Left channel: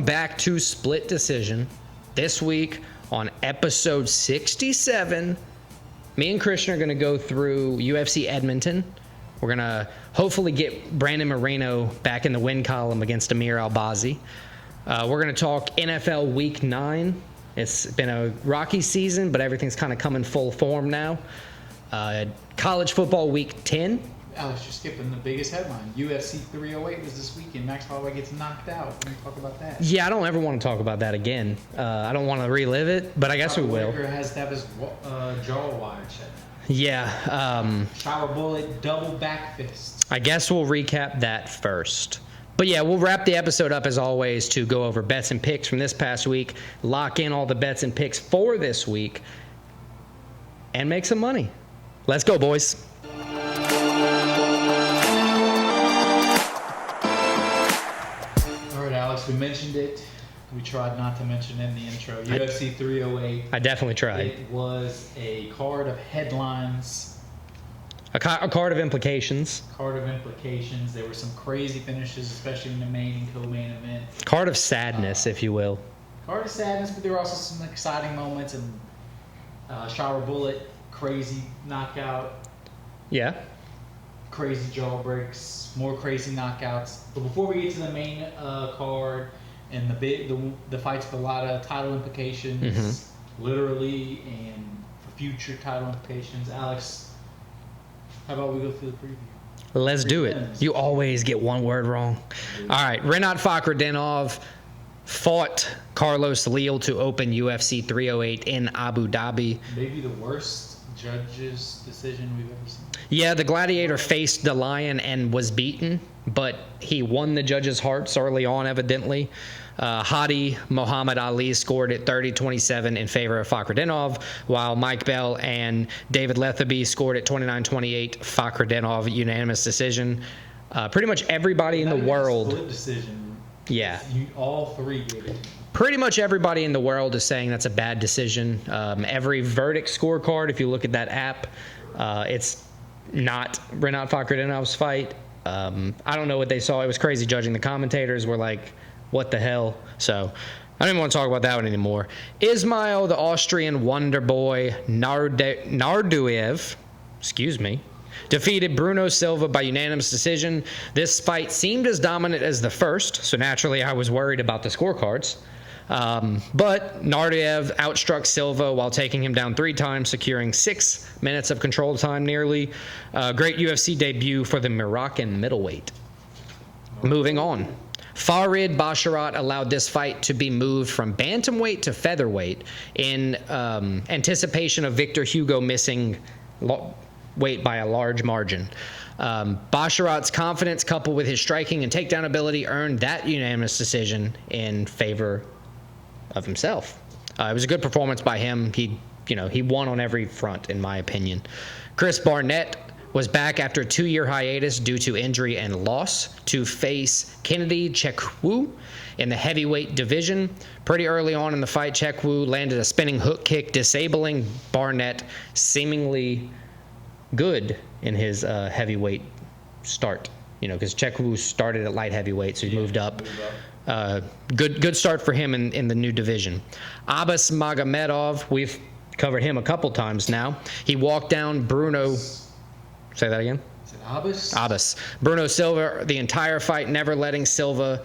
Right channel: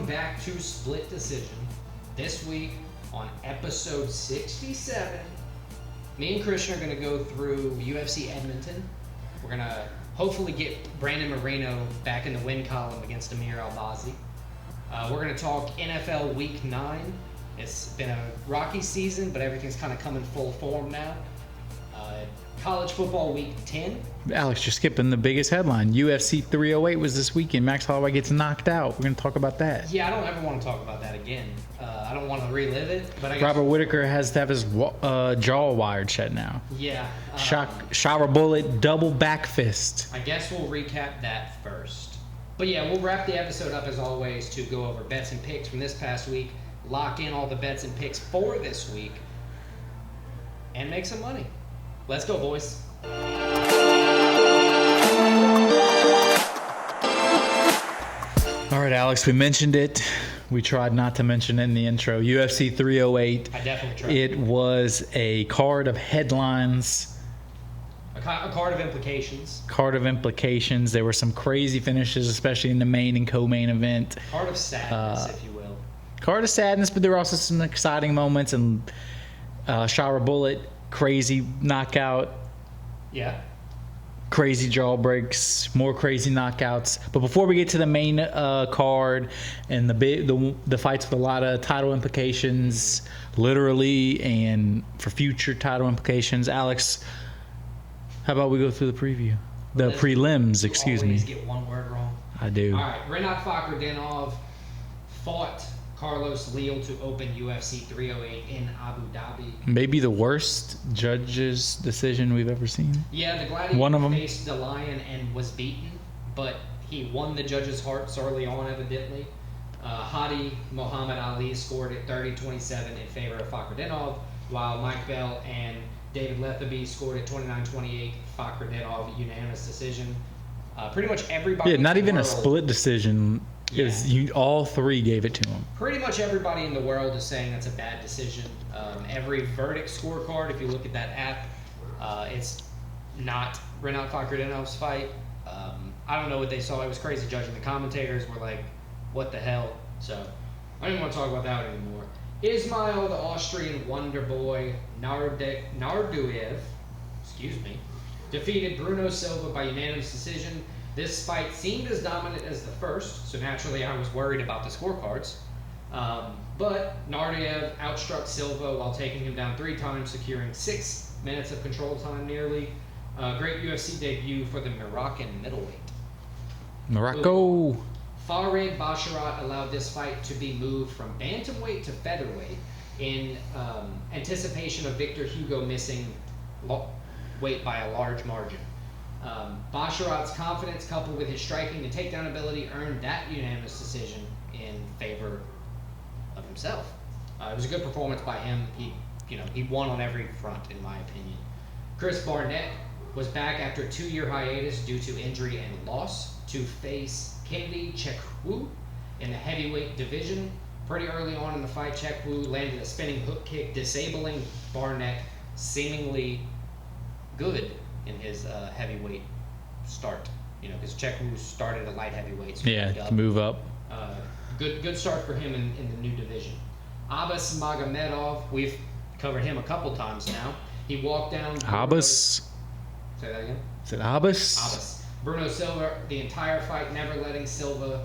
Welcome back to Split Decision. This week on episode 67, me and Christian are going to go through UFC Edmonton. We're going to hopefully get Brandon Moreno back in the win column against Amir Albazi. We're going to talk NFL Week 9. It's been a rocky season, but everything's kind of coming full form now. College football Week 10. Alex, you're skipping the biggest headline. UFC 308 was this weekend. Max Holloway gets knocked out. We're going to talk about that. Yeah, I don't ever want to talk about that again. I don't want to relive it, but I guess Robert Whitaker has to have his jaw wired shut now. Yeah. Shower bullet, double back fist. I guess we'll recap that first. But yeah, we'll wrap the episode up as always to go over bets and picks from this past week, lock in all the bets and picks for this week, and make some money. Let's go, boys. All right, Alex, we mentioned it. We tried not to mention it in the intro. UFC 308. I definitely tried. It was a card of headlines. A card of implications. There were some crazy finishes, especially in the main and co-main event. Card of sadness, if you will. Card of sadness, but there were also some exciting moments. And shower bullet, crazy knockout. Yeah. Crazy jaw breaks, more crazy knockouts. But before we get to the main card and the fights with a lot of title implications, literally, and for future title implications, Alex, how about we go through the preview? Let's prelims, do it. You always get one word wrong. I do. All right. Renat Fakhretdinov fought Carlos Leal to open UFC 308 in Abu Dhabi. Maybe the worst judge's decision we've ever seen. Yeah, the Gladiator faced the Lion and was beaten, but he won the judges' hearts early on, evidently. Hadi Muhammad Ali scored at 30-27 in favor of Fakhretdinov, while Mike Bell and David Lethaby scored at 29-28. Fakhretdinov unanimous decision. Pretty much everybody in the world. Not even a split decision. Yeah. All three gave it to him. Pretty much everybody in the world is saying that's a bad decision. Every verdict scorecard, if you look at that app, it's not Renat Fakhretdinov's fight. I don't know what they saw. It was crazy judging. The commentators were like, what the hell? So I don't even want to talk about that one anymore. Ismail, the Austrian wonder boy, Narduev, defeated Bruno Silva by unanimous decision. This fight seemed as dominant as the first, so naturally I was worried about the scorecards. But Narduev outstruck Silva while taking him down 3 times, securing 6 minutes of control time nearly. Great UFC debut for the Moroccan middleweight. Moving on. Farid Basharat allowed this fight to be moved from bantamweight to featherweight in anticipation of Victor Hugo missing weight by a large margin. Basharat's confidence, coupled with his striking and takedown ability, earned that unanimous decision in favor of himself. It was a good performance by him. He won on every front, in my opinion. Chris Barnett was back after a 2-year hiatus due to injury and loss to face Kennedy Chekwu in the heavyweight division. Pretty early on in the fight, Chekwu landed a spinning hook kick, disabling Barnett, seemingly good in his heavyweight start. Because Chekwu started at light heavyweight, so he moved up. Good start for him in the new division. Abbas Magomedov, we've covered him a couple times now. He walked down Bruno. Say that again. Is it Abbas? Abbas. Bruno Silva, the entire fight, never letting Silva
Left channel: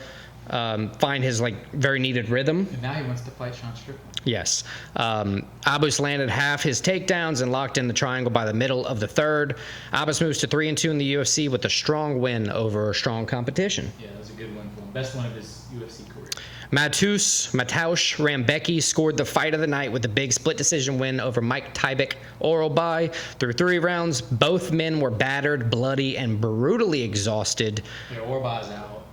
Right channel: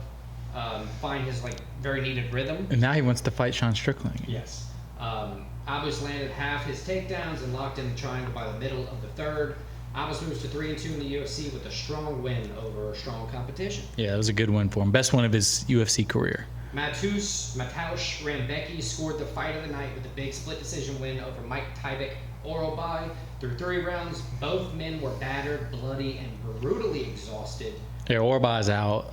find his very needed rhythm. And now he wants to fight Sean Strickland. Yes. Abbas landed half his takedowns and locked in the triangle by the middle of the third. Abbas moves to 3-2 in the UFC with a strong win over strong competition. Yeah, it was a good win for him. Best one of his UFC career. Mateusz Rambecki scored the fight of the night with a big split decision win over Mike Tybek Orobai. Through 3 rounds, both men were battered, bloody, and exhausted. Yeah, Orobai's out.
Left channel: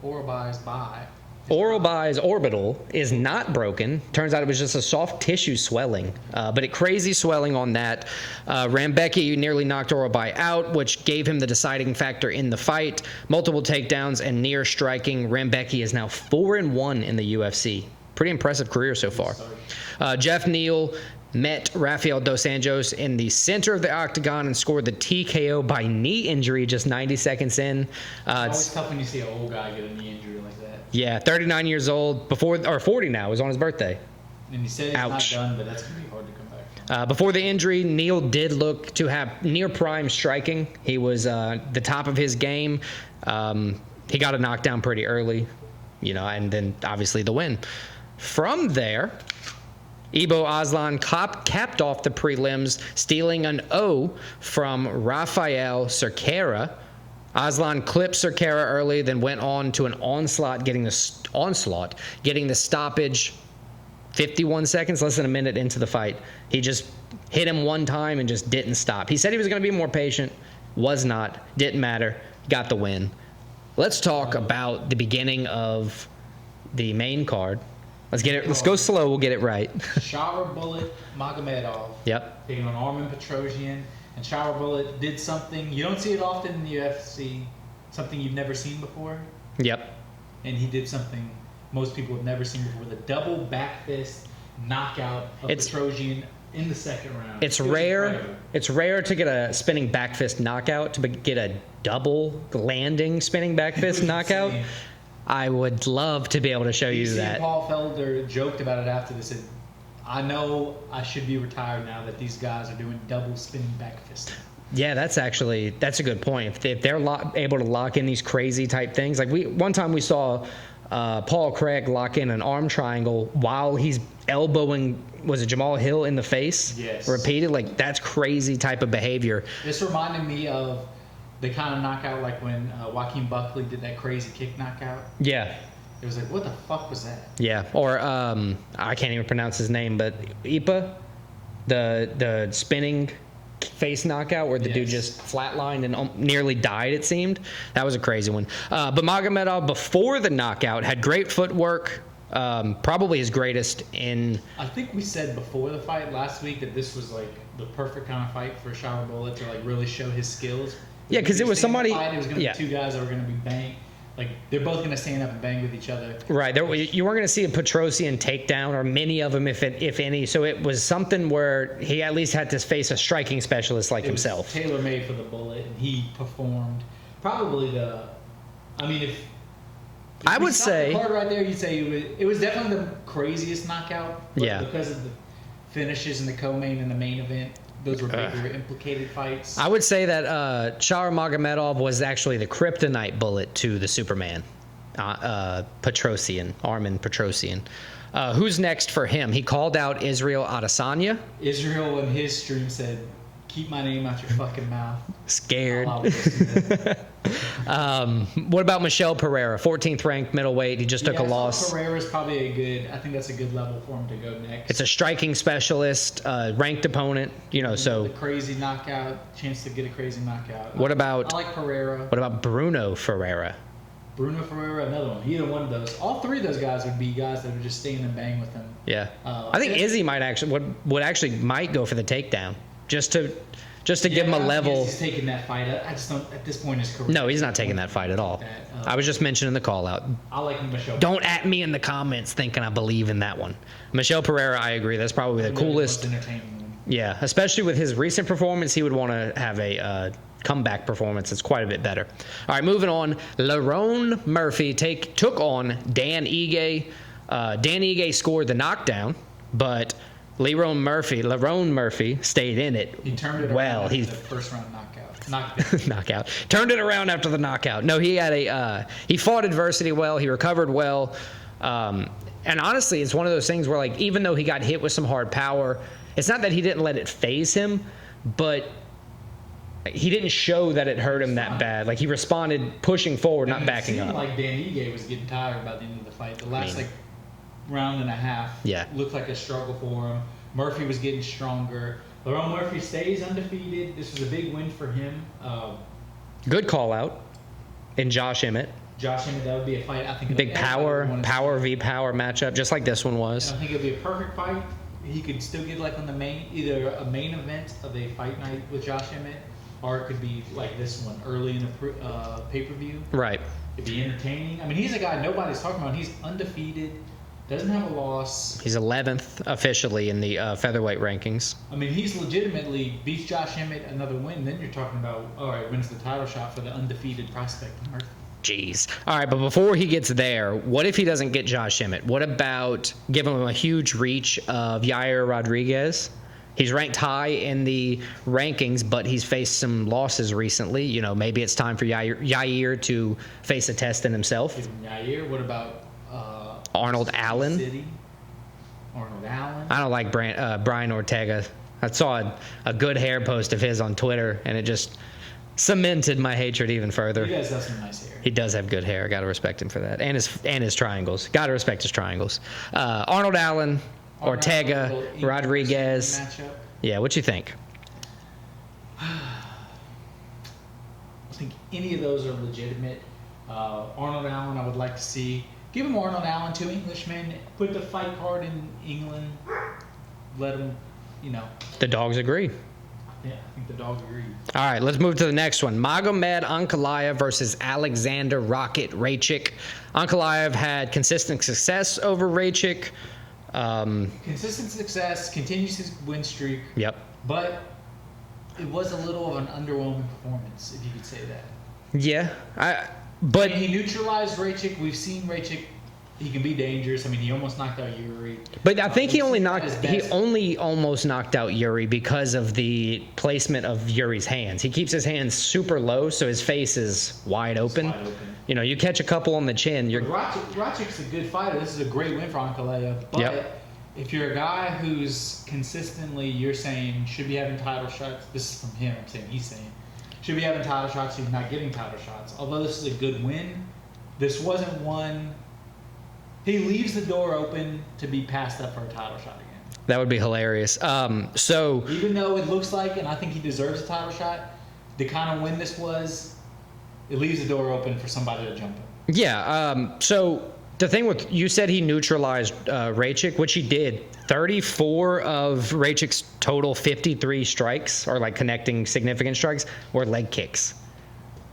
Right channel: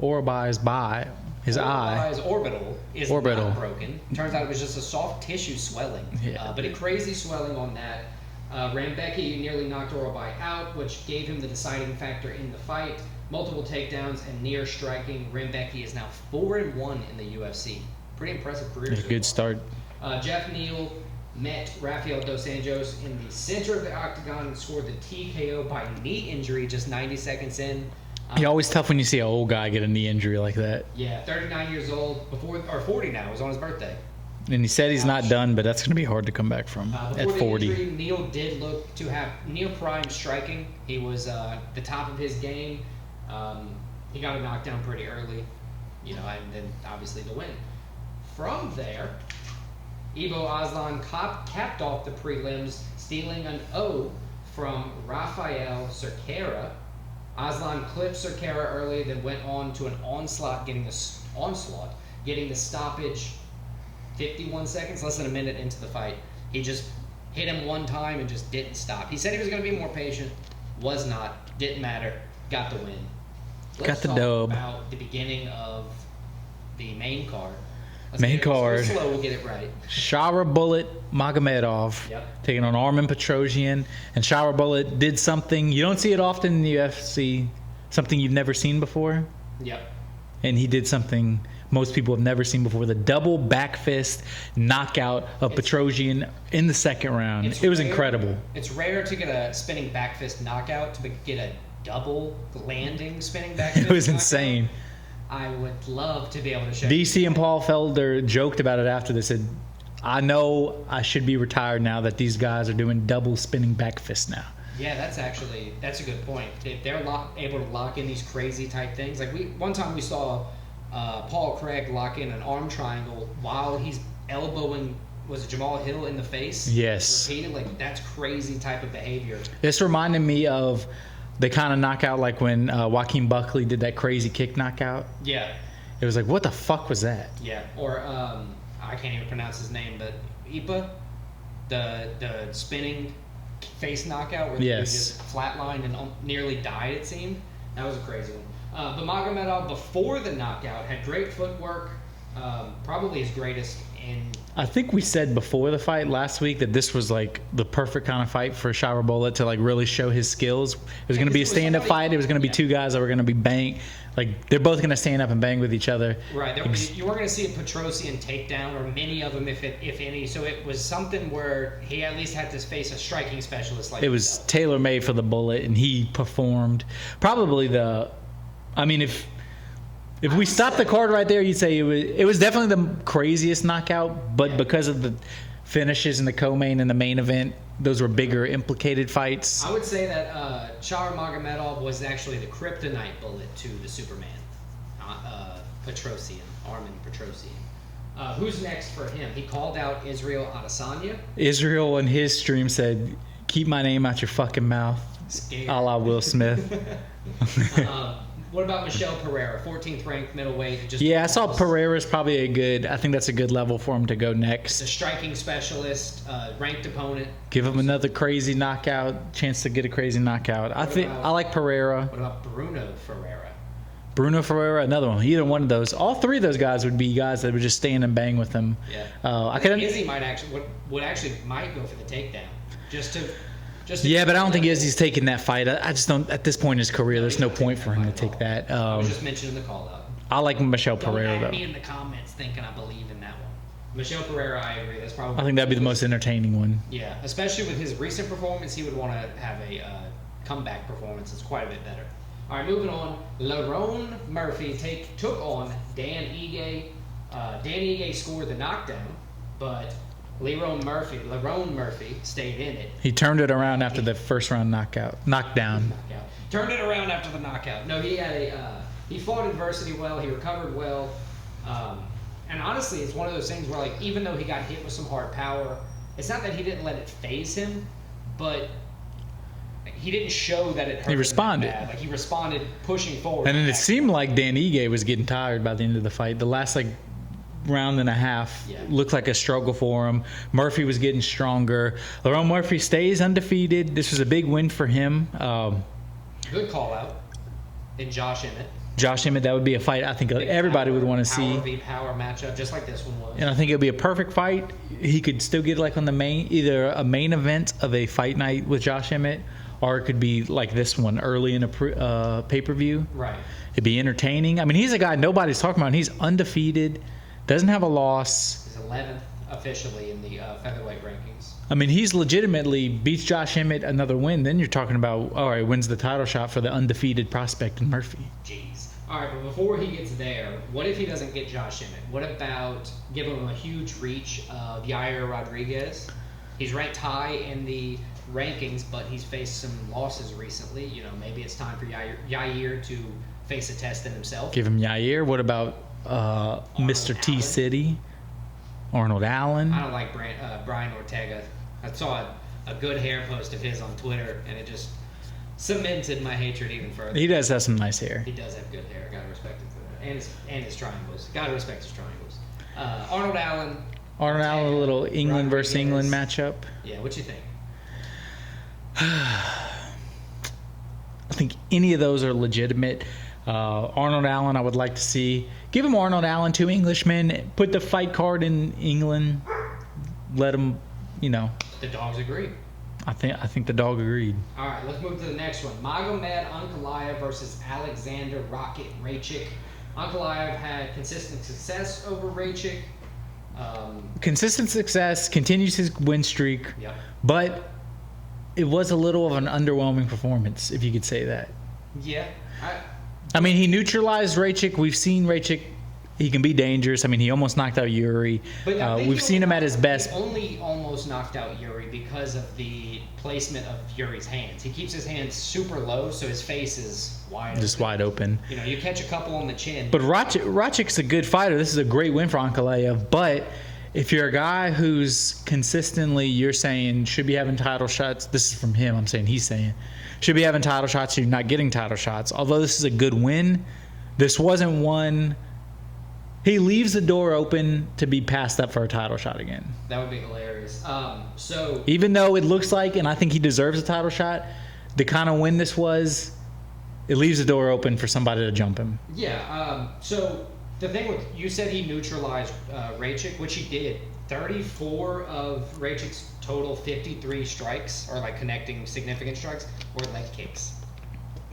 Orobai's by. Orobai's orbital is not broken. Turns out it was just a soft tissue swelling, but a crazy swelling on that. Rambecki nearly knocked Orobai out, which gave him the deciding factor in the fight. Multiple takedowns and near striking. Rambecki is now 4-1 in the UFC. Pretty impressive career so far. Good start. Jeff Neal met Rafael Dos Anjos in the center of the octagon and scored the TKO by knee injury just 90 seconds in. It's always tough when you see an old guy get a knee injury like that. Yeah, 39 years old, 40 now. It was on his birthday. And he said he's not done, but that's going to be hard to come back from. Before the injury, Neal did look to have near prime striking. He was the top of his game. He got a knockdown pretty early, and then obviously the win. From there, Ibo Aslan capped off the prelims, stealing an O from Rafael Cerqueira. Aslan clipped Cerqueira early, then went on to an onslaught, getting the stoppage 51 seconds, less than a minute into the fight. He just hit him one time and just didn't stop. He said he was going to be more patient, was not, didn't matter, got the win. Let's talk about the beginning of the main card. Let's go slow, we'll get it right. Shara Bullet Magomedov. Yep. Taking on Armin Petrosian. And Shara Bullet did something, you don't see it often in the UFC, something you've never seen before. Yep. And he did something most people have never seen before, the double back fist knockout of Petrosian in the second round. It was incredible. It's rare to get a spinning back fist knockout, to get a double landing spinning back fist it was knockout. Insane. I would love to be able to show you that. DC and Paul Felder joked about it after they said, I know I should be retired now that these guys are doing double spinning back fist now. Yeah, that's a good point. If they're able to lock in these crazy type things, like one time we saw Paul Craig lock in an arm triangle while he's elbowing, was it Jamal Hill in the face? Yes. Repeated, like that's crazy type of behavior. This reminded me of the kind of knockout like when Joaquin Buckley did that crazy kick knockout. Yeah. It was like, what the fuck was that? Yeah. Or I can't even pronounce his name, but Ipa, the spinning face knockout where the dude just flatlined and nearly died, it seemed. That was a crazy one. But Magomedov, before the knockout, had great footwork, probably his greatest in... I think we said before the fight last week that this was like the perfect kind of fight for Shara Bullet to like really show his skills. It was going to be a stand-up fight. It was going to be two guys that were going to be bang. Like, they're both going to stand up and bang with each other. Right. You weren't going to see a Petrosian takedown, or many of them, if any. So it was something where he at least had to face a striking specialist like himself. It was tailor-made for the Bullet, and he performed. Probably if we stopped the card right there, you'd say it was definitely the craziest knockout, but because of the finishes in the co-main and the main event, those were bigger implicated fights. I would say that Shara Magomedov was actually the kryptonite bullet to the Superman, Petrosian, Armin Petrosian. Who's next for him? He called out Israel Adesanya. Israel in his stream said, keep my name out your fucking mouth. Scared. A la Will Smith. What about Michel Pereira, 14th ranked middleweight? He just took a loss. I saw Pereira's probably I think that's a good level for him to go next. It's a striking specialist, ranked opponent. Give him another crazy knockout, chance to get a crazy knockout. I like Pereira. What about Bruno Ferreira? Bruno Ferreira, another one. Either one of those. All three of those guys would be guys that would just stand and bang with him. Yeah. I think Izzy might go for the takedown. Just to but I don't think Izzy's taking that fight. I just don't, at this point in his career. No, he's not taking that fight at all. I was just mentioning the call out. I like Michel Pereira. Don't at me in the comments thinking I believe in that one. Michel Pereira, I agree. That's probably the coolest. That'd be the most entertaining one. Yeah, especially with his recent performance, he would want to have a comeback performance. It's quite a bit better. All right, moving on. Lerone Murphy took on Dan Ige. Dan Ige scored the knockdown, but Lerone Murphy stayed in it. He turned it around after the first round knockdown. Turned it around after the knockout. No, he had he fought adversity well. He recovered well. And honestly, it's one of those things where, like, even though he got hit with some hard power, it's not that he didn't let it phase him, but he didn't show that it hurt him that bad. Like, he responded pushing forward. And it seemed like Dan Ige was getting tired by the end of the fight. The last round and a half looked like a struggle for him. Murphy was getting stronger. Lerone Murphy stays undefeated. This was a big win for him. Good call out in Josh Emmett. That would be a fight I think everybody would want to see. Power v power matchup, just like this one was. And I think it would be a perfect fight. He could still get like on either a main event of a fight night with Josh Emmett, or it could be like this one early in a pay-per-view. Right. It'd be entertaining. I mean, he's a guy nobody's talking about. He's undefeated. Doesn't have a loss. He's 11th officially in the featherweight rankings. I mean, he's legitimately beats Josh Emmett, another win. Then you're talking about, all right, wins the title shot for the undefeated prospect in Murphy. Jeez. All right, but before he gets there, what if he doesn't get Josh Emmett? What about giving him a huge reach of Yair Rodriguez? He's ranked high in the rankings, but he's faced some losses recently. You know, maybe it's time for Yair to face a test in himself. Give him Yair. What about Arnold Mr. Allen? T-City? Arnold Allen? I don't like Brian Ortega. I saw a good hair post of his on Twitter, and it just cemented my hatred even further. He does have some nice hair. He does have good hair. Got to respect him for that, and his triangles. Got to respect his triangles. Arnold Allen, Ortega, Allen, a little England versus England Rodriguez matchup. Yeah, what you think? I think any of those are legitimate. Arnold Allen, I would like to see. Give him Arnold Allen, 2 Englishmen. Put the fight card in England. Let him, you know. The dogs agree. I think the dog agreed. All right, let's move to the next one. Magomed Ankalaev versus Alexander Rocket Raychik. Ankalaev had consistent success over Raychik. Consistent success, continues his win streak. Yep. But it was a little of an underwhelming performance, if you could say that. Yeah. I mean, he neutralized Raychik. We've seen Raychik. He can be dangerous. I mean, he almost knocked out Yuri. But I think we've seen him at his best. He only almost knocked out Yuri because of the placement of Yuri's hands. He keeps his hands super low, so his face is wide Just open. wide open. You know, you catch a couple on the chin. But Raychik's a good fighter. This is a great win for Ankalaev. But if you're a guy who's consistently, you're saying, should be having title shots. This is from him. I'm saying he's saying. Should be having title shots. You're not getting title shots. Although this is a good win, this wasn't one. He leaves the door open to be passed up for a title shot again. That would be hilarious. So even though it looks like, and I think he deserves a title shot, the kind of win this was, it leaves the door open for somebody to jump him. yeah. So the thing with you said he neutralized Raychik, which he did. 34 of Raychik's total 53 strikes, or like connecting significant strikes, were leg kicks,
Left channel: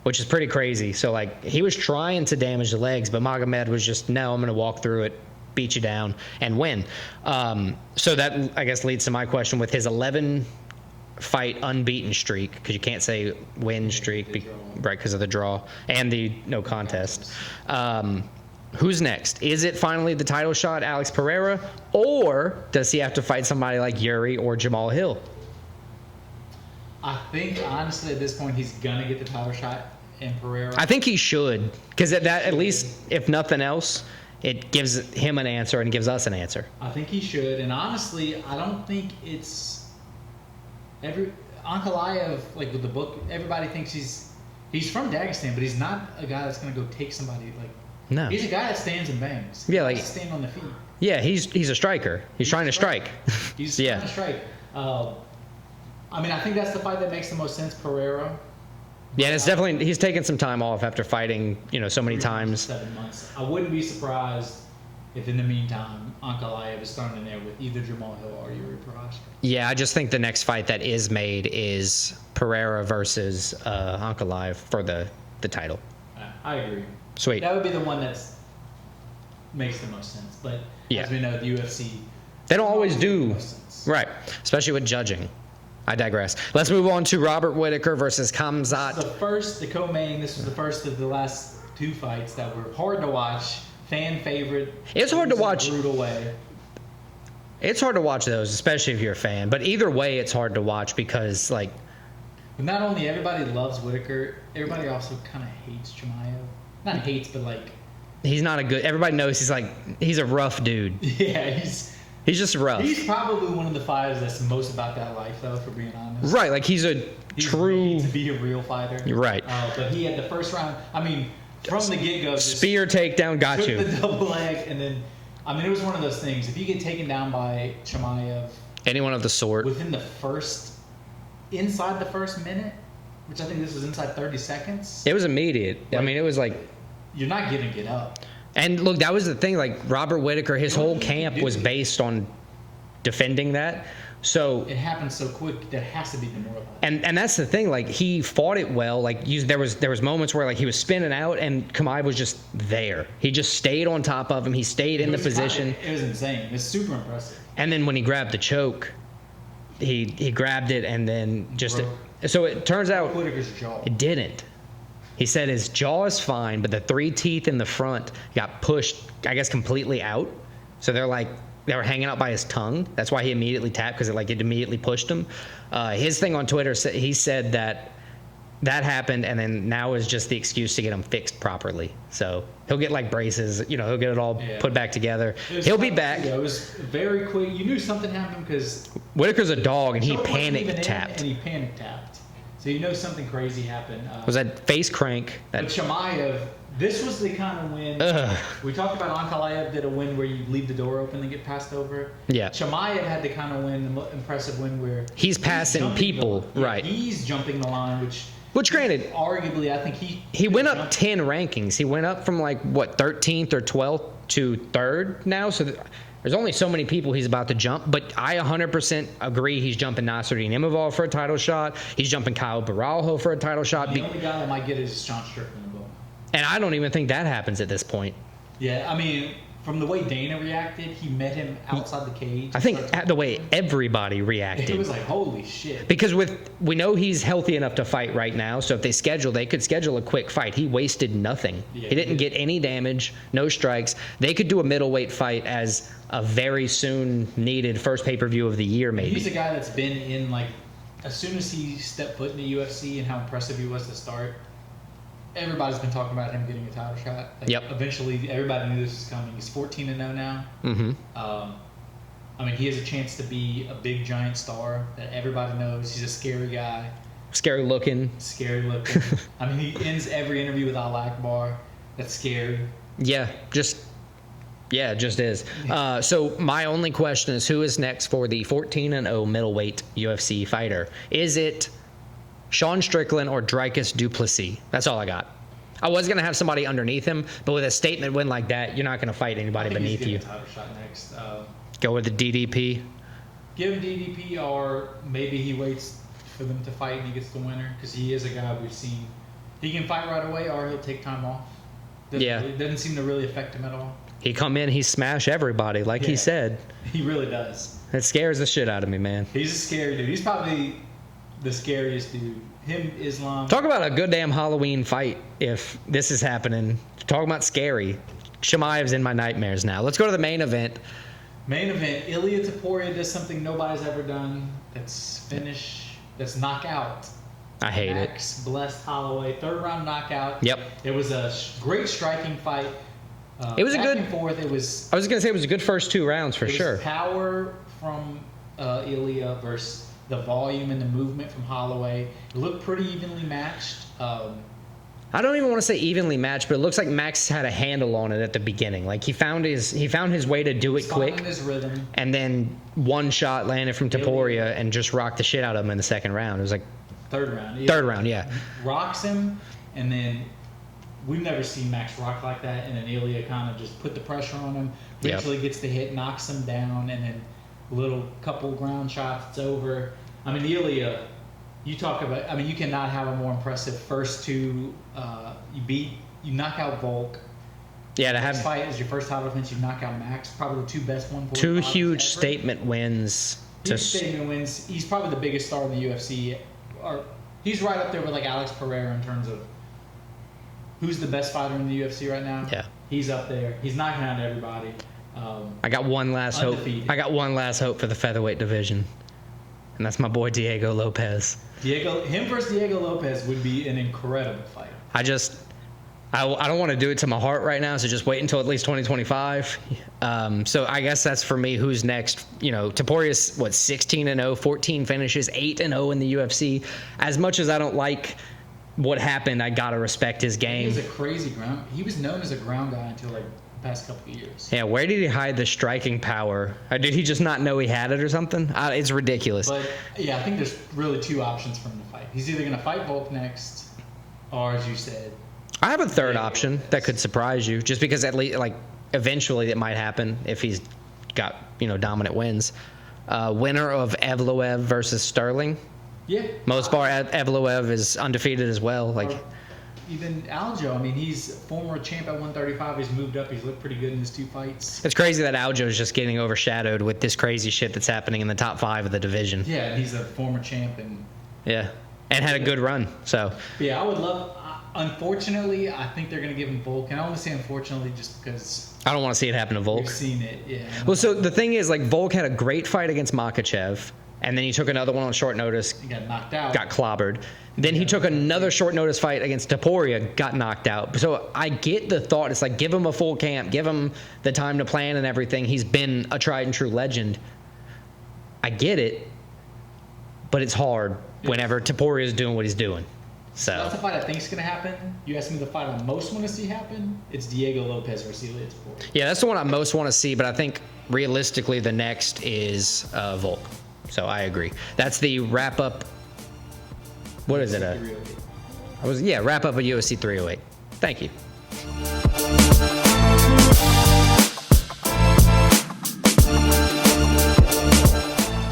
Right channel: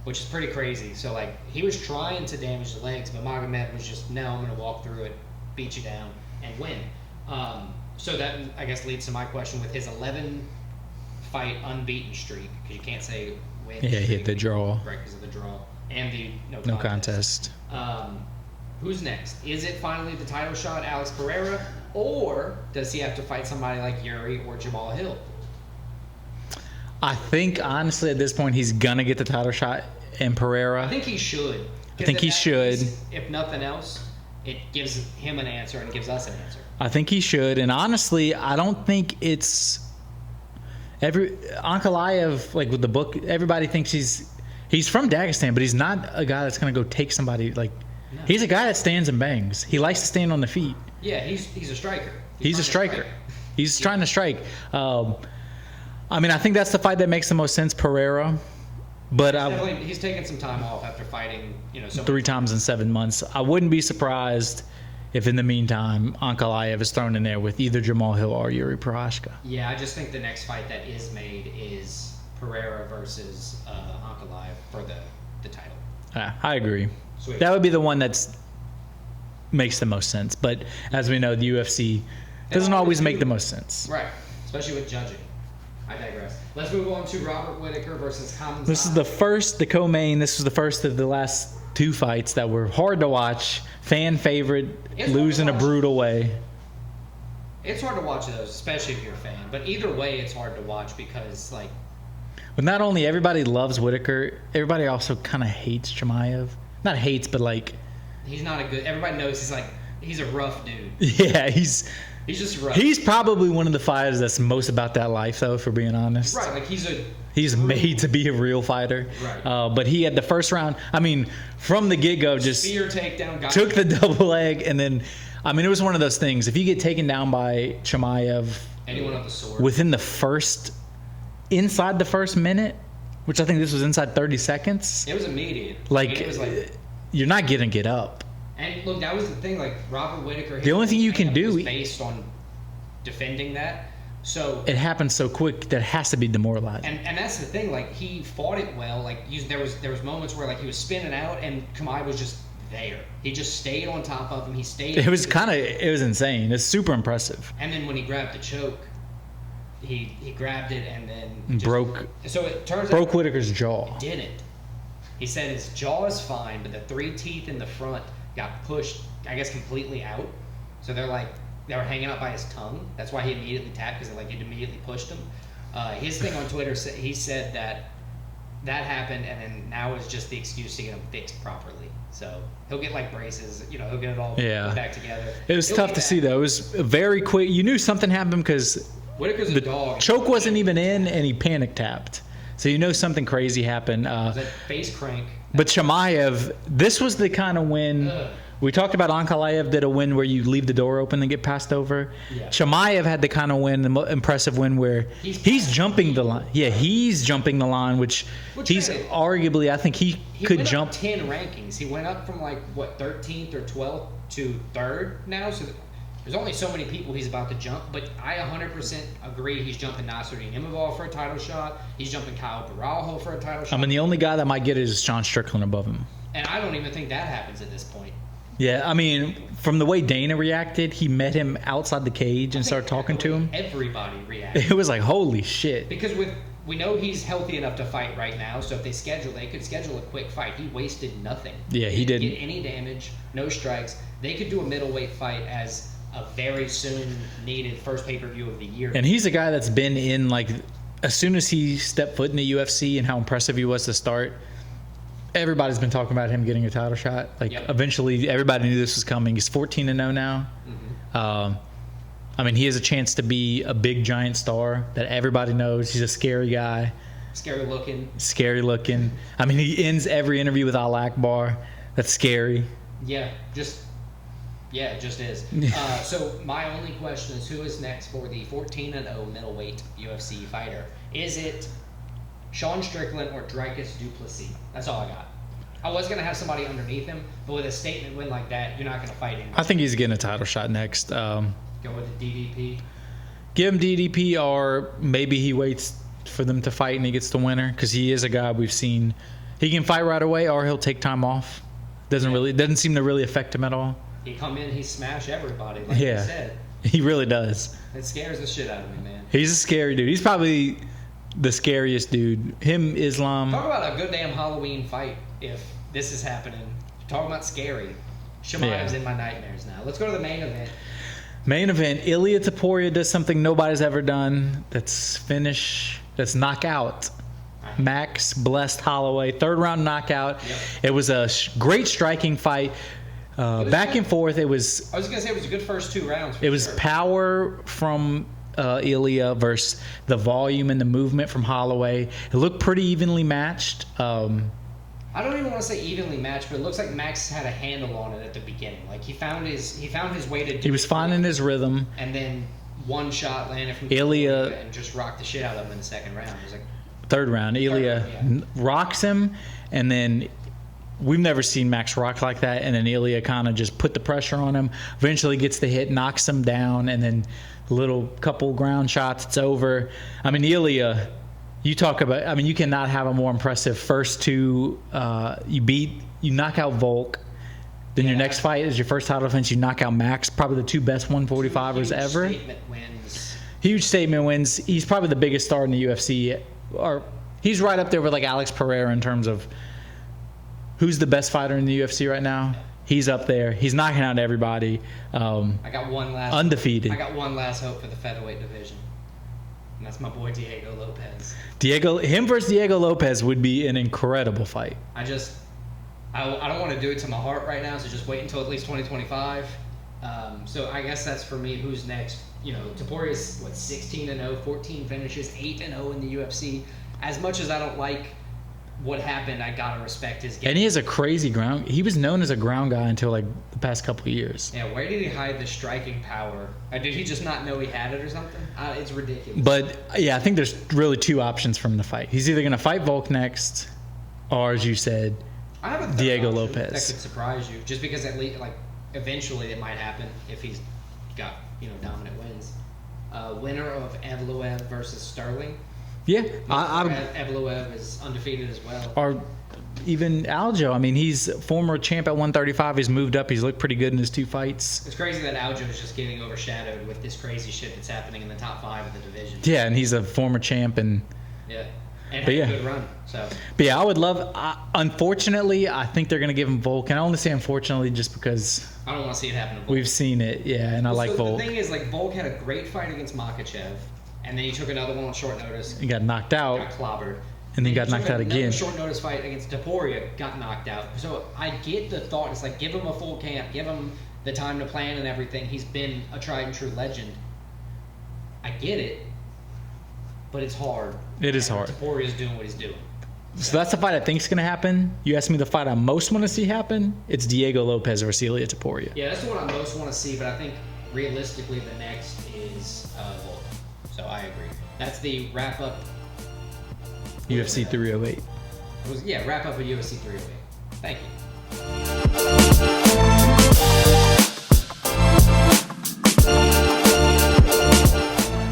which is pretty crazy. So, like, he was trying to damage the legs, but Magomed was just, no, I'm going to walk through it, beat you down, and win. So that, I guess, leads to my question with his 11-fight unbeaten streak, because you can't say win streak. The draw. Right, because of the draw, and the no contest. Who's next? Is it finally the title shot, Alex Pereira, or does he have to fight somebody like Yuri or Jamal Hill? I think, honestly, at this point, he's going to get the title shot in Pereira. I think he should. Because at least, if nothing else, it gives him an answer and gives us an answer. I think he should. And honestly, I don't think it's... Ankalaev, like with the book, everybody thinks he's from Dagestan, but he's not a guy that's going to go take somebody like... No. He's a guy that stands and bangs. He likes to stand on the feet. Yeah, he's a striker. He's trying to strike. He's trying to strike. I mean, I think that's the fight that makes the most sense, Pereira. But yeah, it's definitely, he's taken some time off after fighting, so many 3 times in 7 months. I wouldn't be surprised if in the meantime Ankalaev is thrown in there with either Jamal Hill or Yuri Prochazka. Yeah, I just think the next fight that is made is Pereira versus Ankalaev for the title. I agree. Sweet. That would be the one that makes the most sense. But as we know, the UFC doesn't always make the most sense. Right, especially with judging. I digress. Let's move on to Robert Whittaker versus Khamzat. This is the first, the co-main. This was the first of the last 2 fights that were hard to watch. Fan favorite. It's hard to watch in a brutal way. It's hard to watch those, especially if you're a fan. But either way, it's hard to watch because, like... But not only everybody loves Whittaker, everybody also kind of hates Chimaev. Not hates, but like... He's not a good... Everybody knows he's a rough dude. Yeah, he's just rough. He's probably one of the fighters that's most about that life, though, if we're being honest. Right, like he's made to be a real fighter. Right. But he had the first round, I mean, from the get-go, just... Spear takedown, took the double leg, and then... I mean, it was one of those things. If you get taken down by Chimaev... Anyone of the sort. Within the first... Inside the first minute, which I think this was inside 30 seconds. It was immediate. Like, I mean, it was like... You're not going to get up. And look, that was the thing. Like, Robert Whittaker, his whole camp was based on defending that. So it happened so quick that it has to be demoralizing. and that's the thing. Like, he fought it well. Like, there was moments where like he was spinning out and Kamai was just there. He just stayed on top of him. He stayed. It was it was insane. It's super impressive. And then when he grabbed the choke, he grabbed it and then just broke. So it turns out Broke Whitaker's jaw. it didn't. He said his jaw is fine, but the 3 teeth in the front got pushed, I guess, completely out. So they were hanging out by his tongue. That's why he immediately tapped, because it immediately pushed him. His thing on Twitter, he said that happened, and then now is just the excuse to get him fixed properly. So he'll get like braces, he'll get it all put back together. It was tough to see, though. It was very quick. You knew something happened because Whitaker's a dog. And choke wasn't even in, and he panic tapped. So you know something crazy happened. Was that face crank? But Chimaev, this was the kind of win. We talked about Ankalaev did a win where you leave the door open and get passed over. Yeah. Chimaev had the kind of win, the impressive win where he's jumping people. the line. Yeah, right. He's jumping the line, which granted, arguably, I think he could went jump up 10 rankings. He went up from 13th or 12th to 3rd now. So there's only so many people he's about to jump, but I 100% agree he's jumping Nasruddin Imavov for a title shot. He's jumping Kyle Baralho for a title shot. I mean, the only guy that might get it is Sean Strickland above him. And I don't even think that happens at this point. Yeah, I mean, from the way Dana reacted, he met him outside the cage and started talking to him. Everybody reacted. It was like, holy shit. Because we know he's healthy enough to fight right now, so if they could schedule a quick fight. He wasted nothing. Yeah, he didn't get any damage, no strikes. They could do a middleweight fight as a very soon needed first pay-per-view of the year. And he's a guy that's been in, as soon as he stepped foot in the UFC and how impressive he was to start, everybody's been talking about him getting a title shot. Eventually, everybody knew this was coming. He's 14-0 now. Mm-hmm. I mean, he has a chance to be a big, giant star that everybody knows. He's a scary guy. Scary looking. I mean, he ends every interview with Al Akbar. That's scary. Yeah, it just is. So my only question is, who is next for the 14-0 middleweight UFC fighter? Is it Sean Strickland or Dricus du Plessis? That's all I got. I was going to have somebody underneath him, but with a statement win like that, you're not going to fight anybody. I think he's getting a title shot next. Go with the DDP? Give him DDP, or maybe he waits for them to fight and he gets the winner, because he is a guy we've seen. He can fight right away, or he'll take time off. Doesn't seem to really affect him at all. He come in, he smash everybody, like he said. He really does. It scares the shit out of me, man. He's a scary dude. He's probably the scariest dude. Him, Islam. Talk about a good damn Halloween fight if this is happening. Talk about scary. Chimaev's in my nightmares now. Let's go to the main event. Main event, Ilia Topuria does something nobody's ever done. That's knockout. I hate Max blessed Holloway. 3rd round knockout. Yep. It was a great striking fight. It was back and forth. I was going to say it was a good first 2 rounds for sure. It was power from Ilia versus the volume and the movement from Holloway. It looked pretty evenly matched. I don't even want to say evenly matched, but it looks like Max had a handle on it at the beginning. Like he found his way to do it. He was finding his rhythm, and then one shot landed from Topuria and just rocked the shit out of him in the 2nd round. It was like 3rd round. Third round, yeah. Rocks him, and then we've never seen Max rock like that. And then Ilia kind of just put the pressure on him. Eventually gets the hit, knocks him down, and then a little couple ground shots. It's over. I mean, Ilia. You talk about. I mean, you cannot have a more impressive first 2. You knock out Volk. Then your next fight is your first title defense. You knock out Max, probably the 2 best 145ers ever. 2 huge statement wins. Statement wins. He's probably the biggest star in the UFC. Or he's right up there with like Alex Pereira in terms of who's the best fighter in the UFC right now. Yeah, he's up there. He's knocking out everybody. I got one last undefeated. I got one last hope for the featherweight division. And that's my boy Diego Lopez. Him versus Diego Lopez would be an incredible fight. I don't want to do it to my heart right now, so just wait until at least 2025. So I guess that's for me. Who's next? Topuria's 16-0, 14 finishes, 8-0 in the UFC. As much as I don't like what happened, I gotta respect his game. And he has a crazy ground. He was known as a ground guy until the past couple of years. Yeah, where did he hide the striking power? Or did he just not know he had it or something? It's ridiculous. But yeah, I think there's really 2 options for him to fight. He's either gonna fight Volk next, or as you said, I have a 3rd Diego option Lopez. that could surprise you, just because at least eventually it might happen if he's got dominant wins. Winner of Evloev versus Sterling. Yeah. Most part, Evloev is undefeated as well. Or even Aljo. I mean, he's former champ at 135. He's moved up. He's looked pretty good in his 2 fights. It's crazy that Aljo is just getting overshadowed with this crazy shit that's happening in the top 5 of the division. Yeah, and he's a former champ. And had a good run. So, but yeah, I would love. Unfortunately, I think they're going to give him Volk. And I only say unfortunately just because I don't want to see it happen to Volk. We've seen it, yeah. And well, so the thing is, like, Volk had a great fight against Makachev, and then he took another one on short notice. He got knocked out. Got clobbered. And then he took another short notice fight against Topuria, got knocked out. So I get the thought. It's like, give him a full camp, give him the time to plan and everything. He's been a tried and true legend. I get it, but it's hard whenever Topuria is doing what he's doing. So that's the fight I think is going to happen. You asked me the fight I most want to see happen. It's Diego Lopez versus Ilia Topuria. Yeah, that's the one I most want to see, but I think realistically the next is Volk. So I agree. That's the wrap-up. What UFC 308. Wrap up at UFC 308. Thank you.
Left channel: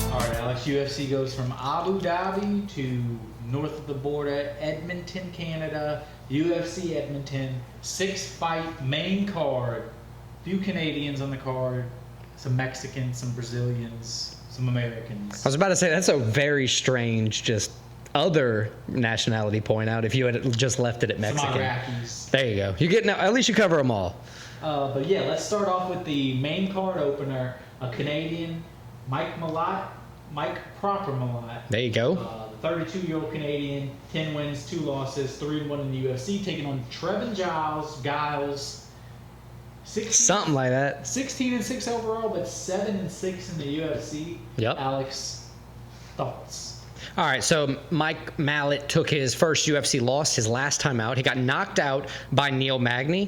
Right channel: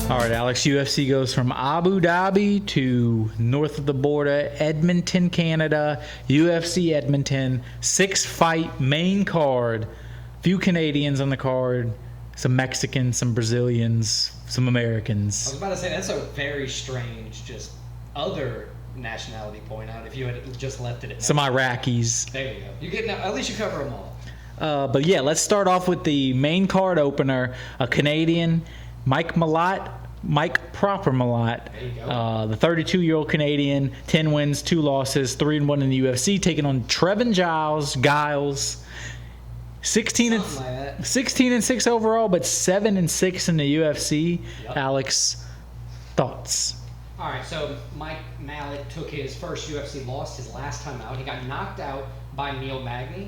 All right, Alex. UFC goes from Abu Dhabi to north of the border, Edmonton, Canada. UFC Edmonton, 6-fight main card. Few Canadians on the card. Some Mexicans, some Brazilians, some Americans. I was about to say that's a very strange other nationality point out if you had just left it at Mexico. Some Iraqis. There you go. You're getting at least you cover them all. But yeah, let's start off with the main card opener. A Canadian, Mike Proper Malott. There you go. The 32-year-old Canadian, 10 wins, 2 losses, 3-1 in the UFC, taking on Trevin Giles. 16-6 overall, but 7-6 in the UFC. Yep. Alex, thoughts? All right, so Mike Malott took his first UFC loss his last time out. He got knocked out by Neil Magny,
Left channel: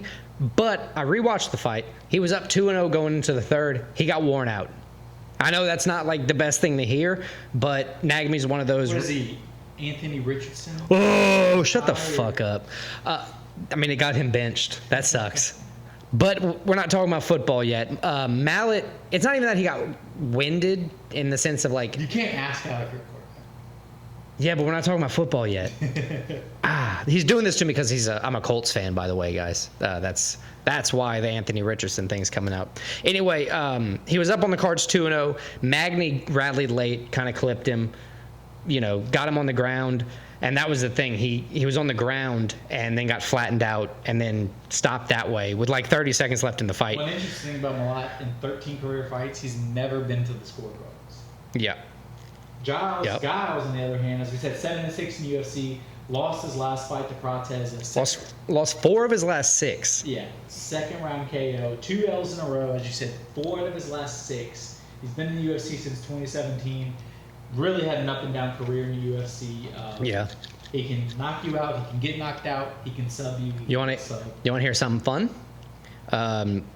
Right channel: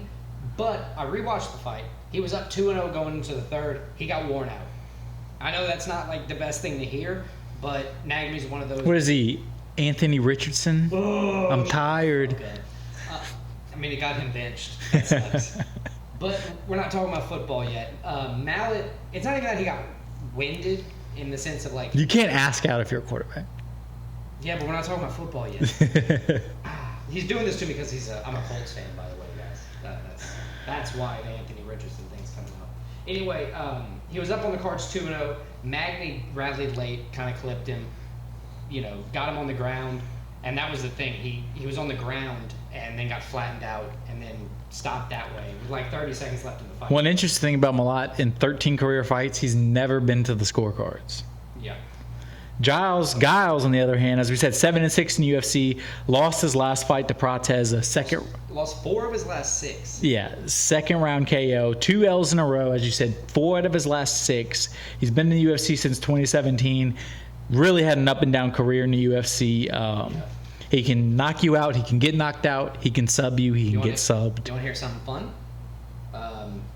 but I rewatched the fight. He was up 2-0 going into the third. He got worn out. I know that's not like the best thing to hear, but Magny's one of those. What is he? Anthony Richardson? Oh, shut the fuck up. I mean, it got him benched. That sucks. But we're not talking about football yet. Malott, it's not even that he got winded in the sense of like... You can't ask out if you're a quarterback. Yeah, but we're not talking about football yet. He's doing this to me because I'm a Colts fan, by the way, guys. That's why the Anthony Richardson thing's coming out. Anyway, he was up on the cards 2-0. Magny rallied late, kind of clipped him, got him on the ground. And that was the thing. He was on the ground and then got flattened out and then stopped that way with like 30 seconds left in the fight. One interesting thing about Malott, in 13 career fights, he's never been to the scorecards. Yeah. Giles, on the other hand, as we said, 7-6 in the UFC, lost his last fight to Prates, lost 4 of his last 6. Yeah, second round KO, 2 L's in a row, as you said, 4 out of his last 6. He's been in the UFC since 2017. Really had an up and down career in the UFC. He can knock you out. He can get knocked out. He can sub you. He can get subbed. You want to hear something fun?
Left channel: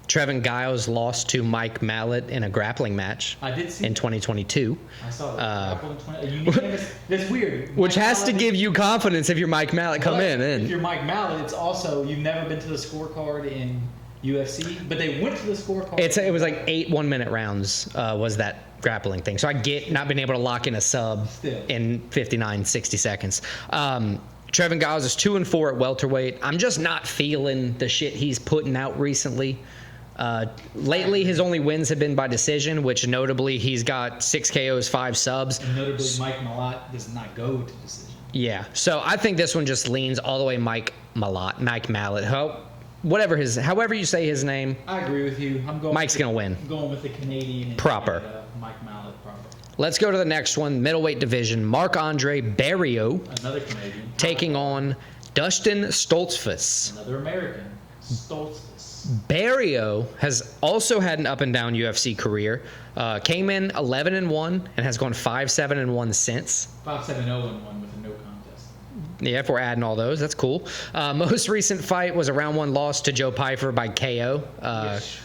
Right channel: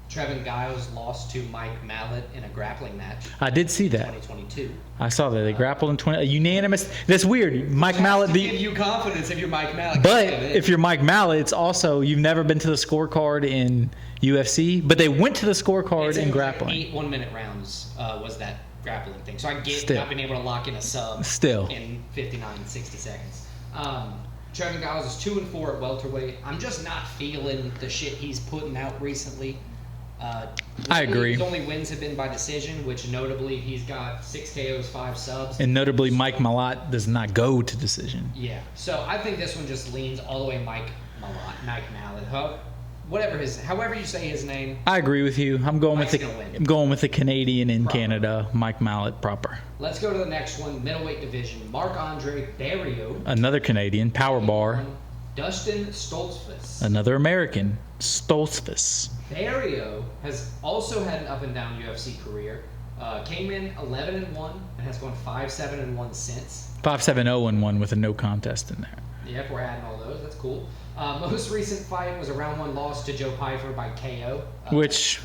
Trevin Giles lost to Mike Malott in a grappling match. I did see that. In 2022. I saw that. They grappled in 20... Unanimous... That's weird. Which has to give you confidence if you're Mike Malott. But if you're Mike Malott, it's also... You've never been to the scorecard in UFC. But they went to the scorecard it was like 8 1-minute rounds was that grappling thing. So I get not being able to lock in a sub in 59, 60 seconds. Trevin Giles is 2-4 at welterweight. I'm just not feeling the shit he's putting out recently. Lately, his only wins have been by decision, which notably he's got 6 KOs, 5 subs. And notably, Mike Malott does not go to decision. Yeah. So I think this one just leans all the way Mike Malott. However you say his name. I agree with you. Mike's going to win. I'm going with the Canadian in Canada, Mike Malott proper. Let's go to the next one, middleweight division. Marc-Andre Barriault. Another Canadian, power taking bar. on Dustin Stoltzfus. Another American, Stoltzfus. Barriault has also had an up and down UFC career. Came in 11-1 and has gone 5-7-1 since. 5-7-0-1 with a no contest in there. Yeah, if we're adding all those, that's cool. Most recent fight was a round 1 loss to Joe Pyfer by KO. Which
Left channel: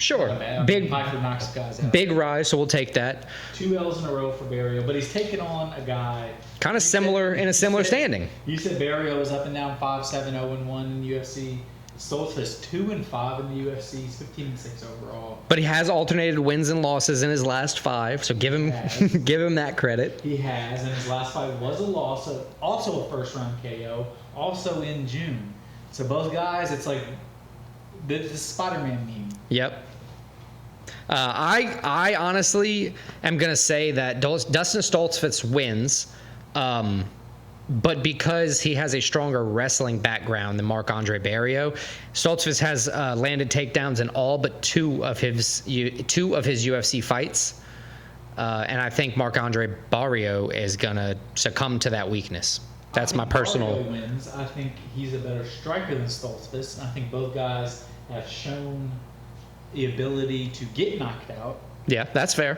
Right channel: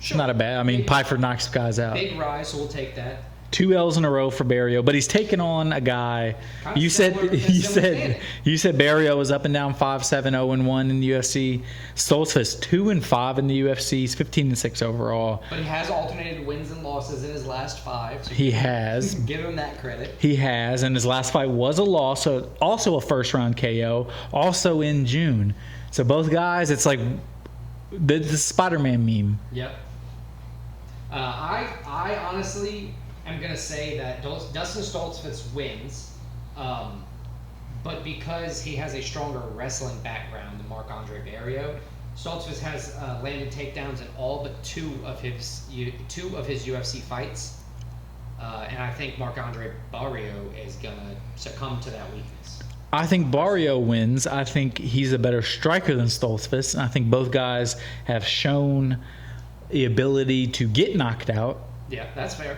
Sure. Not a bad. I mean, Piper knocks guys out. Big rise, so we'll take that. 2 L's in a row for Barrio, but he's taking on a guy kind of similar in a similar standing. You said Barrio was up and down 5-7, 0-1 in the UFC. Stoltzfus 2-5 in the UFC. He's 15-6 overall. But he has alternated wins and losses in his last 5, so give him that credit. He has, and his last fight was a loss, so also a first-round KO, also in June. So both guys, it's like the Spider-Man meme. Yep. I honestly am going to say that Dustin Stoltzfus wins, but because he has a stronger wrestling background than Marc-Andre Barrio, Stoltzfus has landed takedowns in all but two of his UFC fights, and I think Marc-Andre Barrio is going to succumb to that weakness. I think Barrio wins. I think he's a better striker than Stoltzfus, and I think both guys have shown the ability to get knocked out. Yeah, that's fair.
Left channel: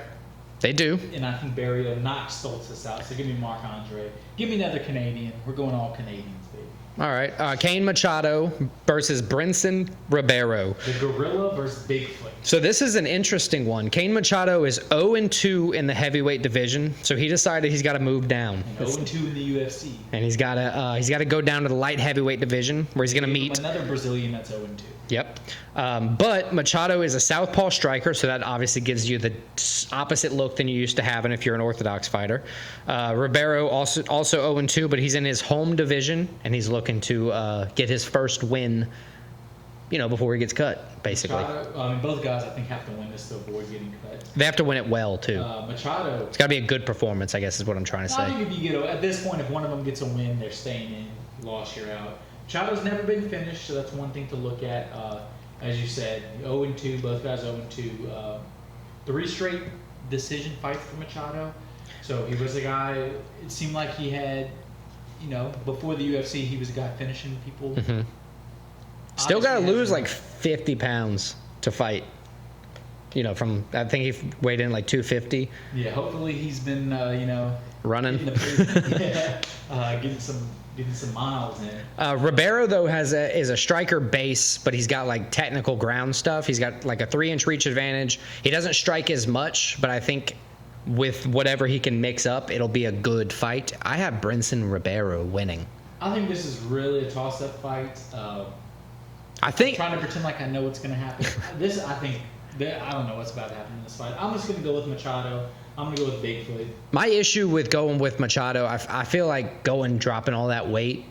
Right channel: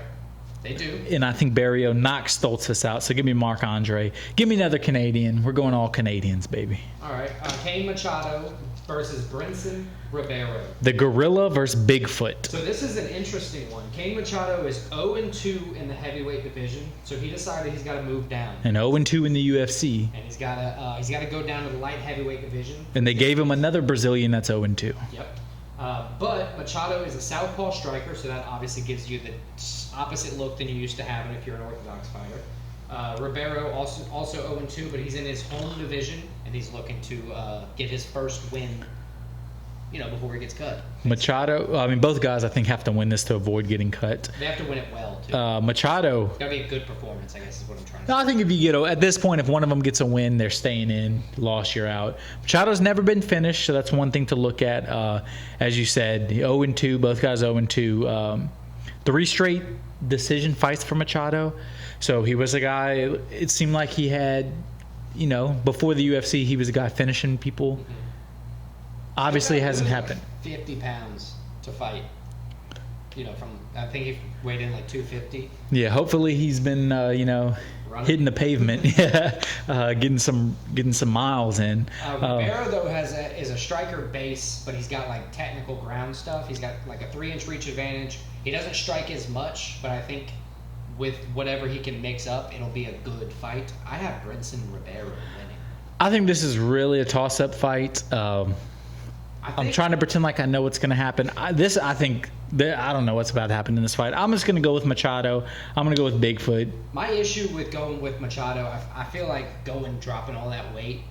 They do. And I think Barrio knocks Stoltzfus out. So give me Marc-Andre. Give me another Canadian. We're going all Canadians, baby. All right. Cain Machado versus Brinson Ribeiro. The Gorilla versus Bigfoot. So this is an interesting one. Cain Machado is 0-2 in the heavyweight division. So he decided he's got to move down. And 0-2 in the UFC. And he's got to go down to the light heavyweight division. And they gave him another Brazilian that's 0-2. Yep. But Machado is a southpaw striker, so that obviously gives you the opposite look than you used to having if you're an orthodox fighter. Ribeiro also 0-2, but he's in his home division, and he's looking to get his first win, before he gets cut. Basically. Machado, I mean, both guys I think have to win this to avoid getting cut. They have to win it well too. Machado, it's got to be a good performance, I guess, is what I'm trying to say. I think if you at this point, if one of them gets a win, they're staying in. Loss, you're out. Machado's never been finished, so that's one thing to look at. As you said, 0-2, both guys 0-2. 3 straight decision fights for Machado. So he was a guy. It seemed like he had, before the UFC, he was a guy finishing people. Mm-hmm. Obviously, still got to lose like happened. 50 pounds to fight. From I think he weighed in like 250. Yeah, hopefully he's been running, hitting the pavement, getting some miles in. Ribeiro though is a striker base, but he's got like technical ground stuff. He's got like a 3-inch reach advantage. He doesn't strike as much, but I think with whatever he can mix up, it'll be a good fight. I have Brinson Ribeiro winning. I think this is really a toss-up fight. I'm trying to pretend like I know what's going to happen. I don't know what's about to happen in this fight. I'm just going to go with Machado. I'm going to go with Bigfoot. My issue with going with Machado, I feel like dropping all that weight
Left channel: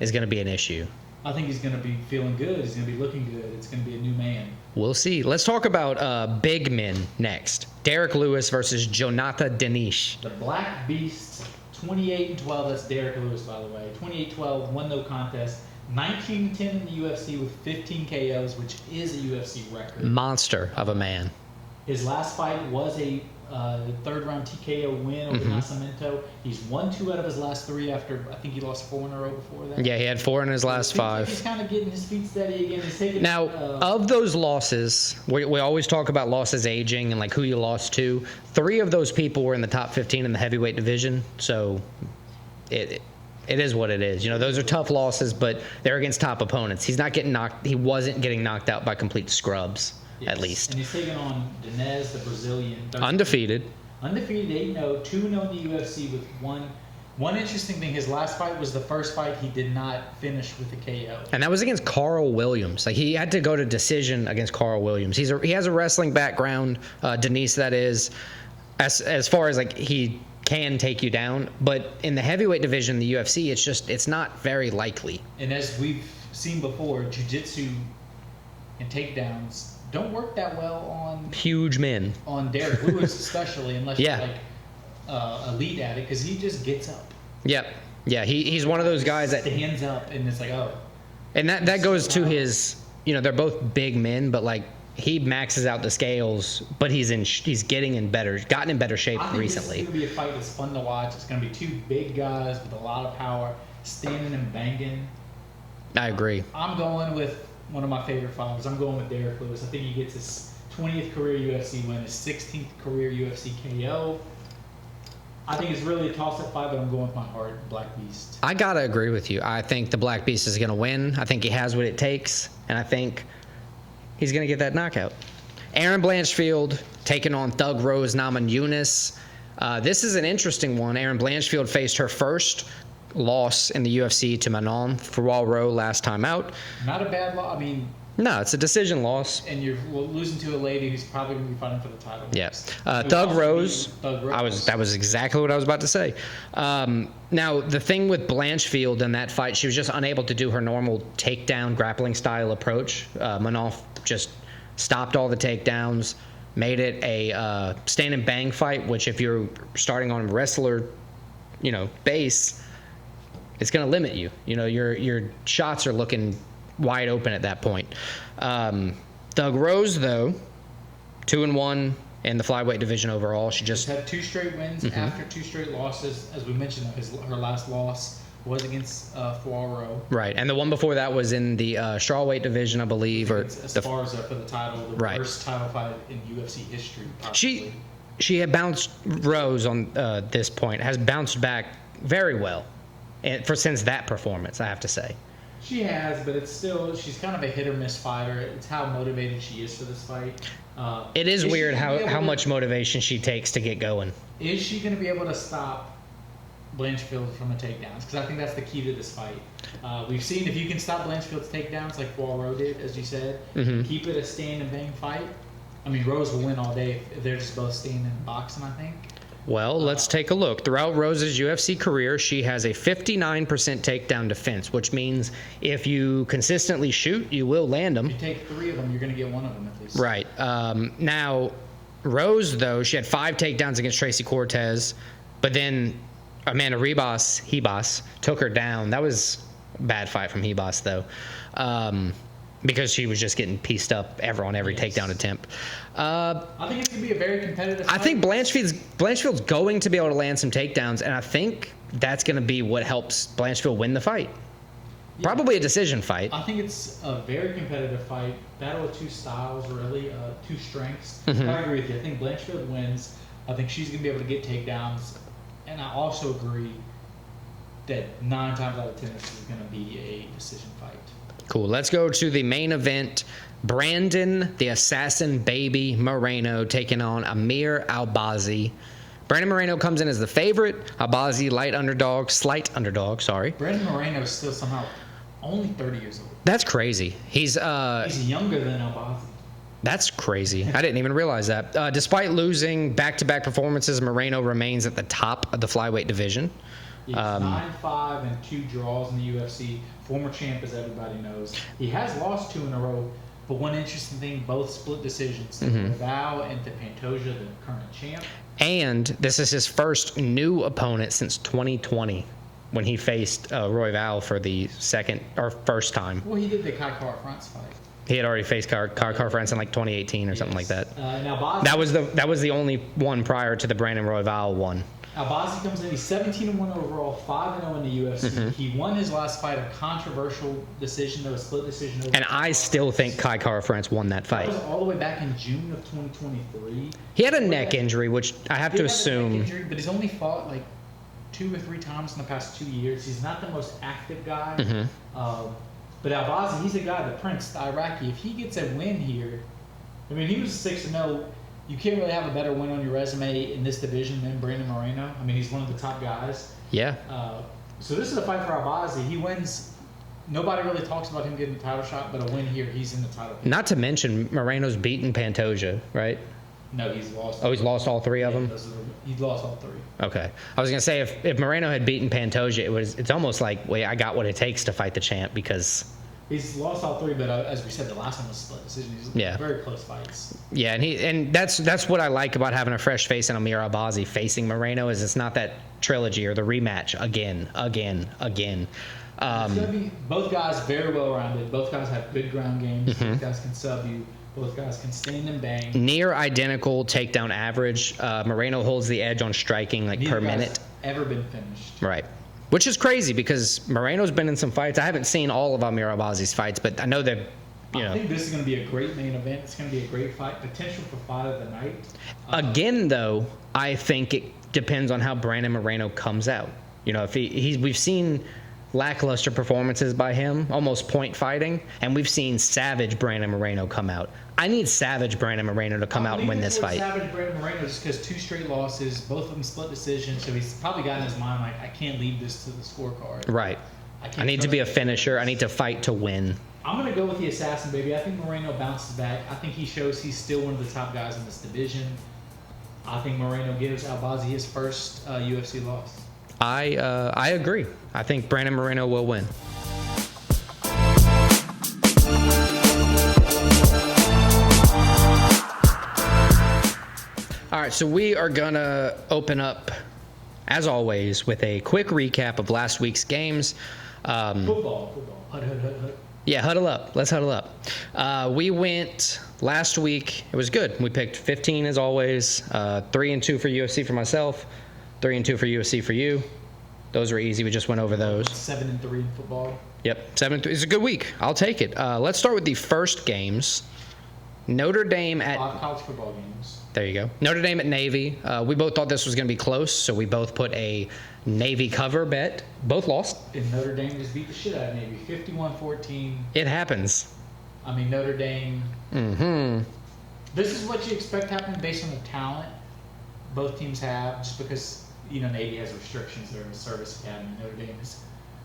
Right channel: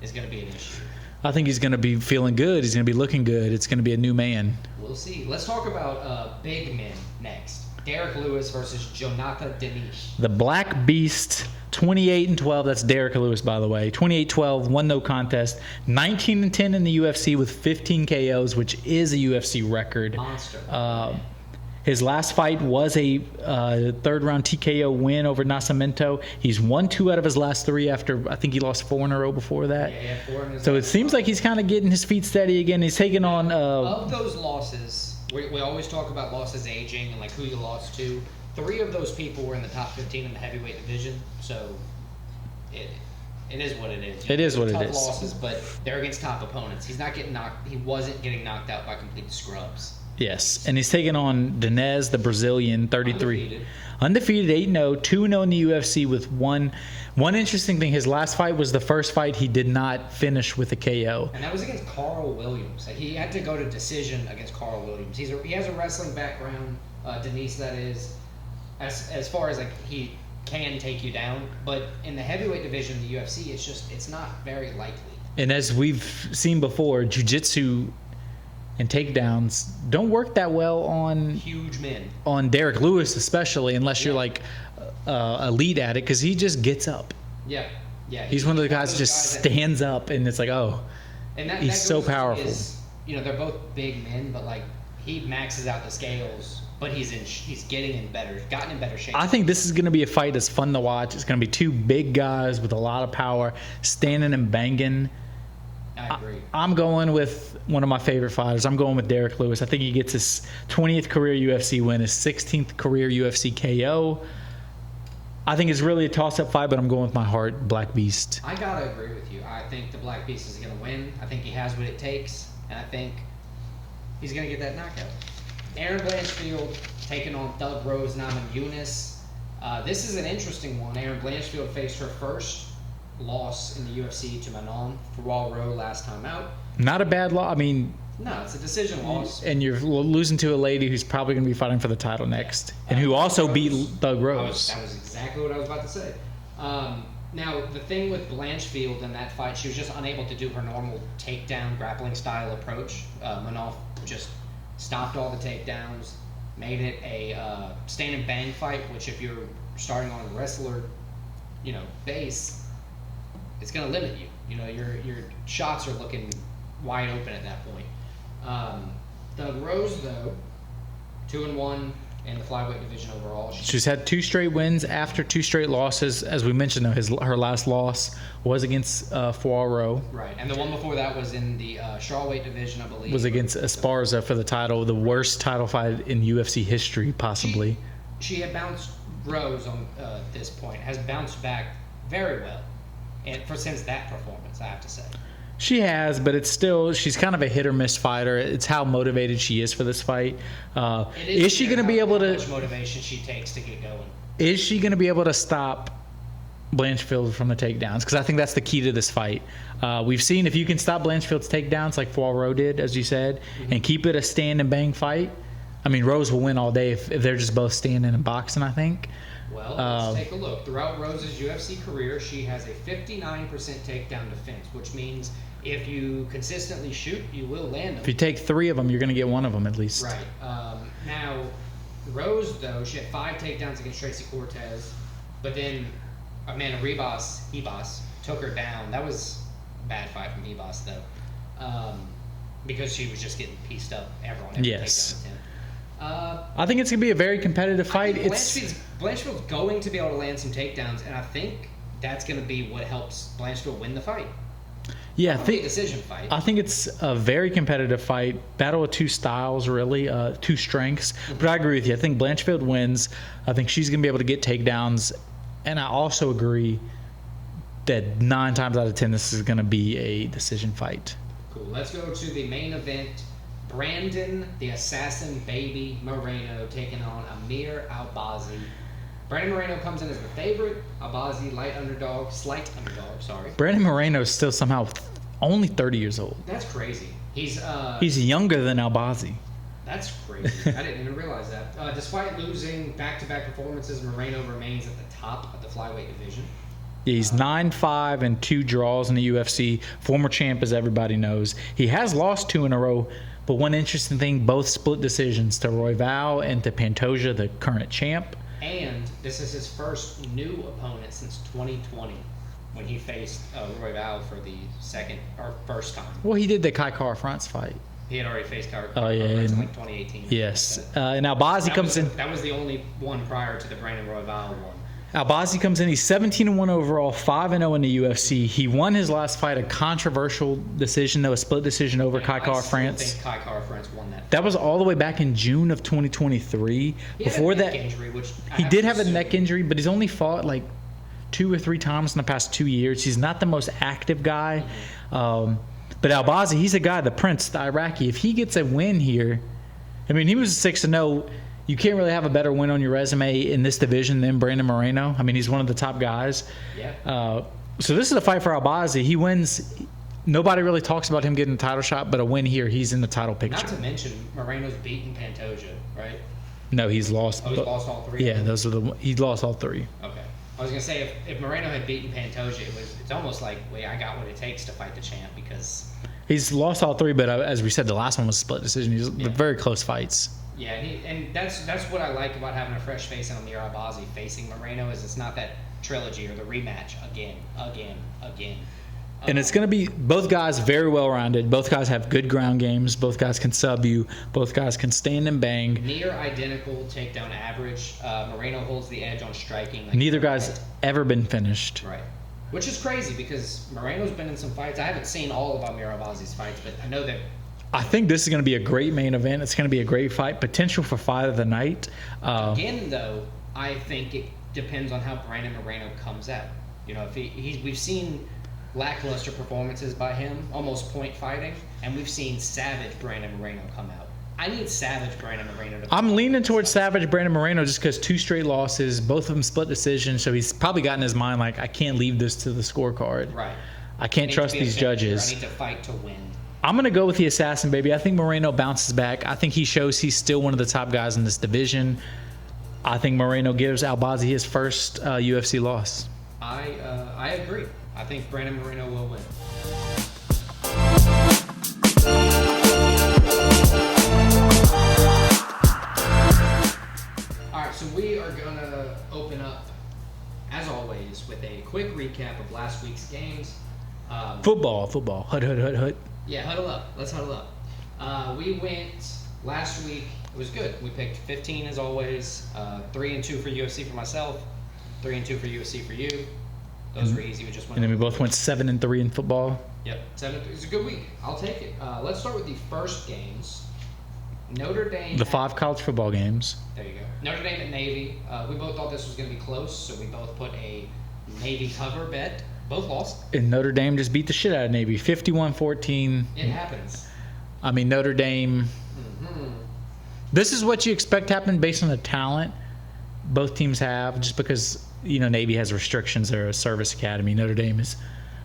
is going to be an issue. I think he's going to be feeling good. He's going to be looking good. It's going to be a new man. We'll see. Let's talk about big men next. Derek Lewis versus Jonathan Denish. The Black Beast, 28-12. That's Derek Lewis, by the way. 28-12, won no contest. 19-10 in the UFC with 15 KOs, which is a UFC record. Monster of a man. His last fight was a third-round TKO win over Nascimento. He's won 2 out of his last 3 after, I think he lost 4 in a row before that. Yeah, he had 4 in his last 5. So it seems 5. like he's kind of getting his feet steady again. He's taking on... of those losses, we always talk about losses aging and like who you lost to. 3 of those people were in the top 15 in the heavyweight division, so it is what it is. Those are tough losses, but they're against top opponents. He wasn't getting knocked out by complete scrubs. Yes. At least. And he's taking on Dinez, the Brazilian, 33. Undefeated 8-0, 2-0 in the UFC with one interesting thing. His last fight was the first fight he did not finish with a KO. And that was against Carl Williams. Like, he had to go to decision against Carl Williams. He has a wrestling background, Denise, that is, as far as, like, he can take you down. But in the heavyweight division, the UFC, it's not very likely. And as we've seen before, jiu-jitsu and takedowns don't work that well on huge men. On Derek Lewis especially, unless you're like elite at it, because he just gets up. Yeah, he's one of those guys that stands up, and it's like, oh. And that goes to his, they're both big men, but like he maxes out the scales, but he's gotten in better shape. I think recently. This is going to be a fight that's fun to watch. It's going to be 2 big guys with a lot of power standing and banging. I agree. I'm going with one of my favorite fighters. I'm going with Derek Lewis. I think he gets his 20th career UFC win, his 16th career UFC KO. I think it's really a toss-up fight, but I'm going with my heart, Black Beast. I got to agree with you. I think the Black Beast is going to win. I think he has what it takes, and I think he's going to get that knockout. Aaron Blanchfield taking on Thug Rose Namajunas. This is an interesting one. Aaron Blanchfield faced her first loss in the UFC to Manon Fiorot last time out. Not a bad loss. I mean, no, it's a decision loss. And you're losing to a lady who's probably going to be fighting for the title next. Yeah. And who also beat Thug Rose. That was exactly what I was about to say. Now, the thing with Blanchfield in that fight, she was just unable to do her normal takedown grappling style approach. Manon just stopped all the takedowns, made it a stand and bang fight, which if you're starting on a wrestler, base, it's going to limit you. Your shots are looking wide open at that point. Thug Rose, though, 2-1 in the flyweight division overall. She's had 2 straight wins after 2 straight losses. As we mentioned, though, her last loss was against Fiorot. Right, and the one before that was in the strawweight division, I believe. Was against Esparza for the title, the worst title fight in UFC history, possibly. She had bounced, Rose on this point, has bounced back very well since that performance, I have to say. She has, but it's still, she's kind of a hit or miss fighter. It's how motivated she is for this fight. It is weird how much motivation she takes to get going. Is she going to be able to stop Blanchfield from the takedowns? Because I think that's the key to this fight. We've seen if you can stop Blanchfield's takedowns like Fiorot did, as you said, and keep it a stand and bang fight, I mean, Rose will win all day if they're just both standing and boxing, I think. Well, let's take a look. Throughout Rose's UFC career, she has a 59% takedown defense, which means if you consistently shoot, you will land them. If you take 3 of them, you're going to get 1 of them at least. Right. Now, Rose, though, she had 5 takedowns against Tracy Cortez, but then Amanda Ribas took her down. That was a bad fight from Ribas, though, because she was just getting pieced up on every takedown attempt. I think it's going to be a very competitive fight. I think Blanchfield's going to be able to land some takedowns, and I think that's going to be what helps Blanchfield win the fight. Yeah, probably a decision fight. I think it's a very competitive fight. Battle of 2 styles, really, 2 strengths. But I agree with you. I think Blanchfield wins. I think she's going to be able to get takedowns. And I also agree that 9 times out of 10, this is going to be a decision fight. Cool. Let's go to the main event. Brandon, the Assassin Baby Moreno, taking on Amir Albazi. Brandon Moreno comes in as the favorite. Albazi, slight underdog, sorry. Brandon Moreno is still somehow only 30 years old. That's crazy. He's younger than Albazi. That's crazy. I didn't even realize that. Despite losing back-to-back performances, Moreno remains at the top of the flyweight division. Yeah, he's 9-5 and 2 draws in the UFC. Former champ, as everybody knows. He has lost 2 in a row. But one interesting thing, both split decisions to Royval and to Pantoja, the current champ. And this is his first new opponent since 2020 when he faced Royval for the first time. Well, he did the Kai Kara-France fight. He had already faced Kara-France in like 2018 or something like that. And Albazi that was the only one prior to the Brandon Royval one. Albazi comes in. He's 17-1 overall, 5-0 in the UFC. He won his last fight, a controversial decision, though, a split decision over Kai Kara-France. And I still think Kai Kara-France won that fight. That was all the way back in June of 2023. He had a neck injury, which he did have a neck injury, but he's only fought like 2 or 3 times in the past 2 years. He's not the most active guy. But Albazi, he's a guy, the Prince, the Iraqi. If he gets a win here, I mean, he was 6-0. You can't really have a better win on your resume in this division than Brandon Moreno. I mean, he's one of the top guys. Yeah. So this is a fight for Albazi. He wins. Nobody really talks about him getting the title shot, but a win here, he's in the title picture. Not to mention, Moreno's beaten Pantoja, right? No, he's lost. Oh, he's lost all 3 of them? Yeah, he lost all 3. Okay. I was going to say, if Moreno had beaten Pantoja, it's almost like, I got what it takes to fight the champ because... He's lost all 3, but as we said, the last one was a split decision. He's very close fights. Yeah, and that's what I like about having a fresh face in Amir Albazi facing Moreno is it's not that trilogy or the rematch again. And it's going to be both guys very well-rounded. Both guys have good ground games. Both guys can sub you. Both guys can stand and bang. Near identical takedown average. Moreno holds the edge on striking Neither per guy's minute. Ever been finished. Right. Which is crazy because Moreno's been in some fights. I haven't seen all of Amir Albazi's fights, but I know that. I think this is going to be a great main event. It's going to be a great fight. Potential for fight of the night. Again, though, I think it depends on how Brandon Moreno comes out. If we've seen lackluster performances by him, almost point fighting, and we've seen savage Brandon Moreno come out. I need savage Brandon Moreno to come out I'm and leaning win this towards fight. savage Brandon Moreno just because 2 straight losses, both of them split decisions. So he's probably got in his mind like, I can't leave this to the scorecard. Right. I can't I need trust to be a these finisher. judges. I need to fight to win. I'm going to go with the assassin, baby. I think Moreno bounces back. I think he shows he's still one of the top guys in this division. I think Moreno gives Albazi his first UFC loss. I agree. I think Brandon Moreno will win. All right, so we are going to open up, as always, with a quick recap of last week's games. Football. Hut. Yeah, huddle up. Let's huddle up. We went last week. It was good. We picked 15 as always. 3-2 for UFC for myself. 3-2 for UFC for you. Those were easy. We just went over We both those. went 7-3 in football. Yep, 7-3. It's a good week. I'll take it. Let's start with the first games. Notre Dame. The 5 college football games. There you go. Notre Dame at Navy. We both thought this was going to be close, so we both put a Navy cover bet. Both lost. And Notre Dame just beat the shit out of Navy, 51-14. It happens. I mean, Notre Dame. This is what you expect happening based on the talent both teams have, just because, Navy has restrictions. They're a service academy. Notre Dame is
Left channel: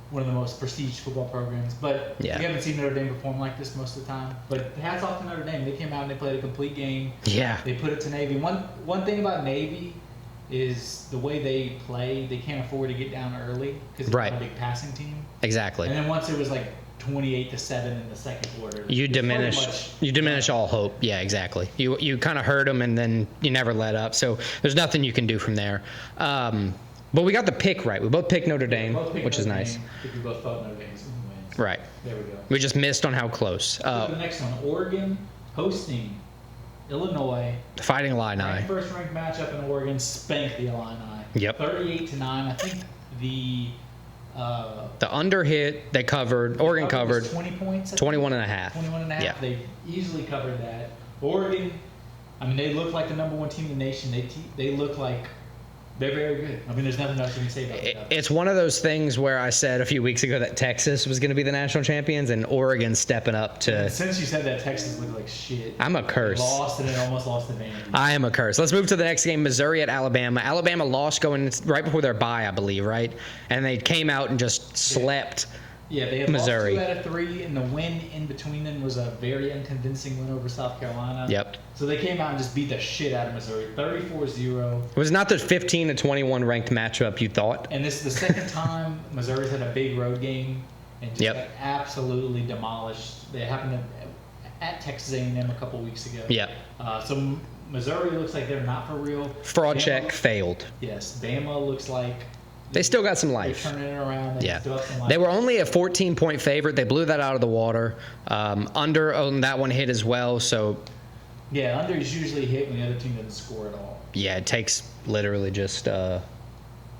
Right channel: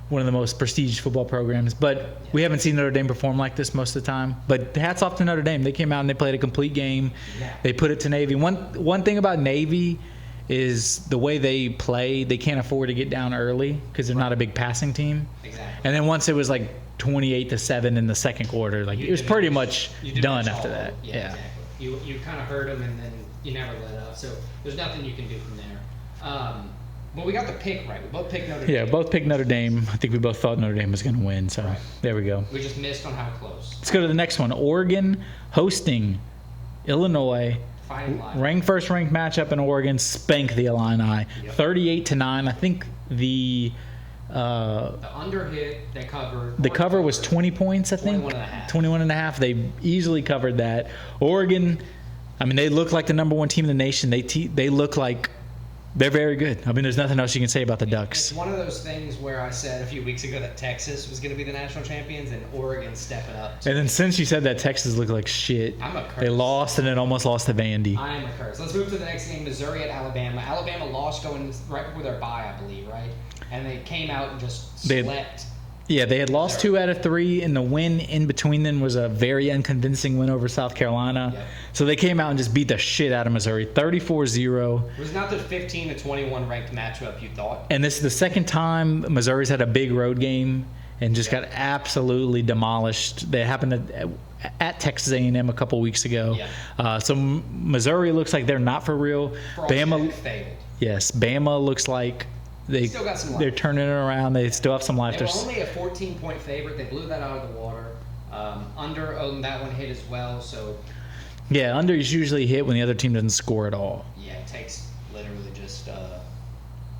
one of the most prestigious football programs. But Yeah. we haven't seen Notre Dame perform like this most of the time. But hats off to Notre Dame. They came out and they played a complete game. Yeah. They put it to Navy. One thing about Navy is the way they play, they can't afford to get down early because they're Right. not a big passing team. Exactly. And then once it was like 28-7 in the second quarter, like, you it was diminish, pretty much you diminish done all after hope. that. Yeah, exactly. You kind of hurt them, and then you never let up. So there's nothing you can do from there. But we got the pick right. We both picked Notre Dame. Yeah, both picked which Notre is Dame. nice. I think we both thought Notre Dame was going to win. So Right. there we go. We just missed on how close. Let's go to the next one. Oregon hosting Illinois. Fighting Illini. First-ranked matchup in Oregon. Spank the Illini. Yep. 38-9. I think the under hit, they covered. the Oregon cover was covered 20 points. I think. 21.5. 21.5. Yeah. They easily covered that. Oregon. I mean, they look like the number 1 team in the nation. They look like they're very good. I mean, there's nothing else you can say about the Ducks. It's one of those things where I said a few weeks ago that Texas was going to be the national champions, and Oregon stepping up to And then it. since you said that, Texas looked like shit. I'm a They curse. lost and then almost lost to Vandy. I am a curse. Let's move to the next game, Missouri at Alabama. Alabama lost going right before their bye, I believe, right? And they came out and just slept. Yeah, they had lost Missouri. 2 out of 3, and the win in between them was a very unconvincing win over South Carolina. Yep. So they came out and just beat the shit out of Missouri, 34-0. It was not the 15-21 ranked matchup you thought. And this is the second time Missouri's had a big road game and just Yep. got absolutely demolished. They happened at Texas A&M a couple weeks ago. Yep. So Missouri looks like they're not for real. Fraud check failed. Yes, Bama looks like They still got some life. They're turning it around. They Yeah. still have some life. They were only a 14-point favorite. They blew that out of the water. Under on that one hit as well. So, Yeah, under is usually hit when the other team doesn't score at all. yeah, it takes literally just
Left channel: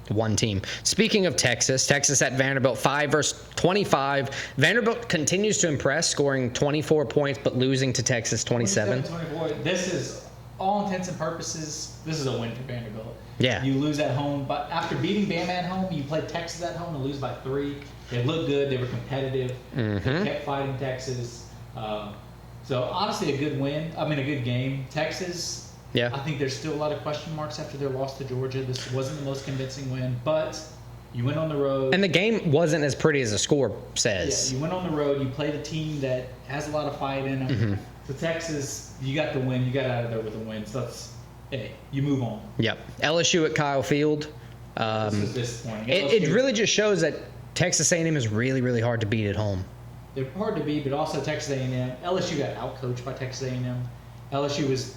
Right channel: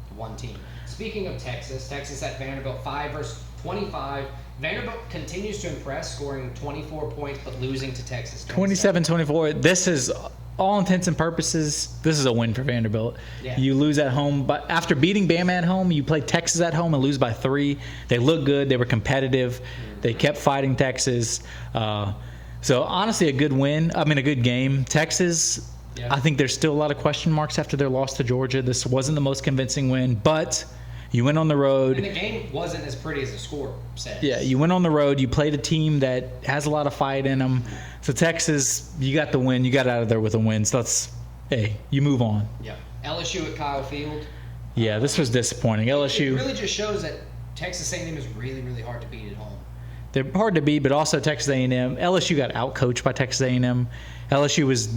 one team. Speaking of Texas at Vanderbilt, 5 versus 25. Vanderbilt continues to impress, scoring 24 points, but losing to Texas 27. 27-24. This is, all intents and purposes, this is a win for Vanderbilt. Yeah. You lose at home, but after beating Bama at home, you play Texas at home and lose by 3. They look good. They were competitive. They kept fighting Texas. So honestly, a good win. I mean, a good game. Texas. Yeah. I think there's still a lot of question marks after their loss to Georgia. This wasn't the most convincing win, but you went on the road. And the game wasn't as pretty as the score says. Yeah, you went on the road. You played a team that has a lot of fight in them. So Texas, you got the win. You got out of there with a win. So you move on. Yep. LSU at Kyle Field. Yeah, this was disappointing. LSU, It really just shows that Texas A&M is really, really hard to beat at home. they're hard to beat, but also Texas A&M. LSU got outcoached by Texas A&M. LSU was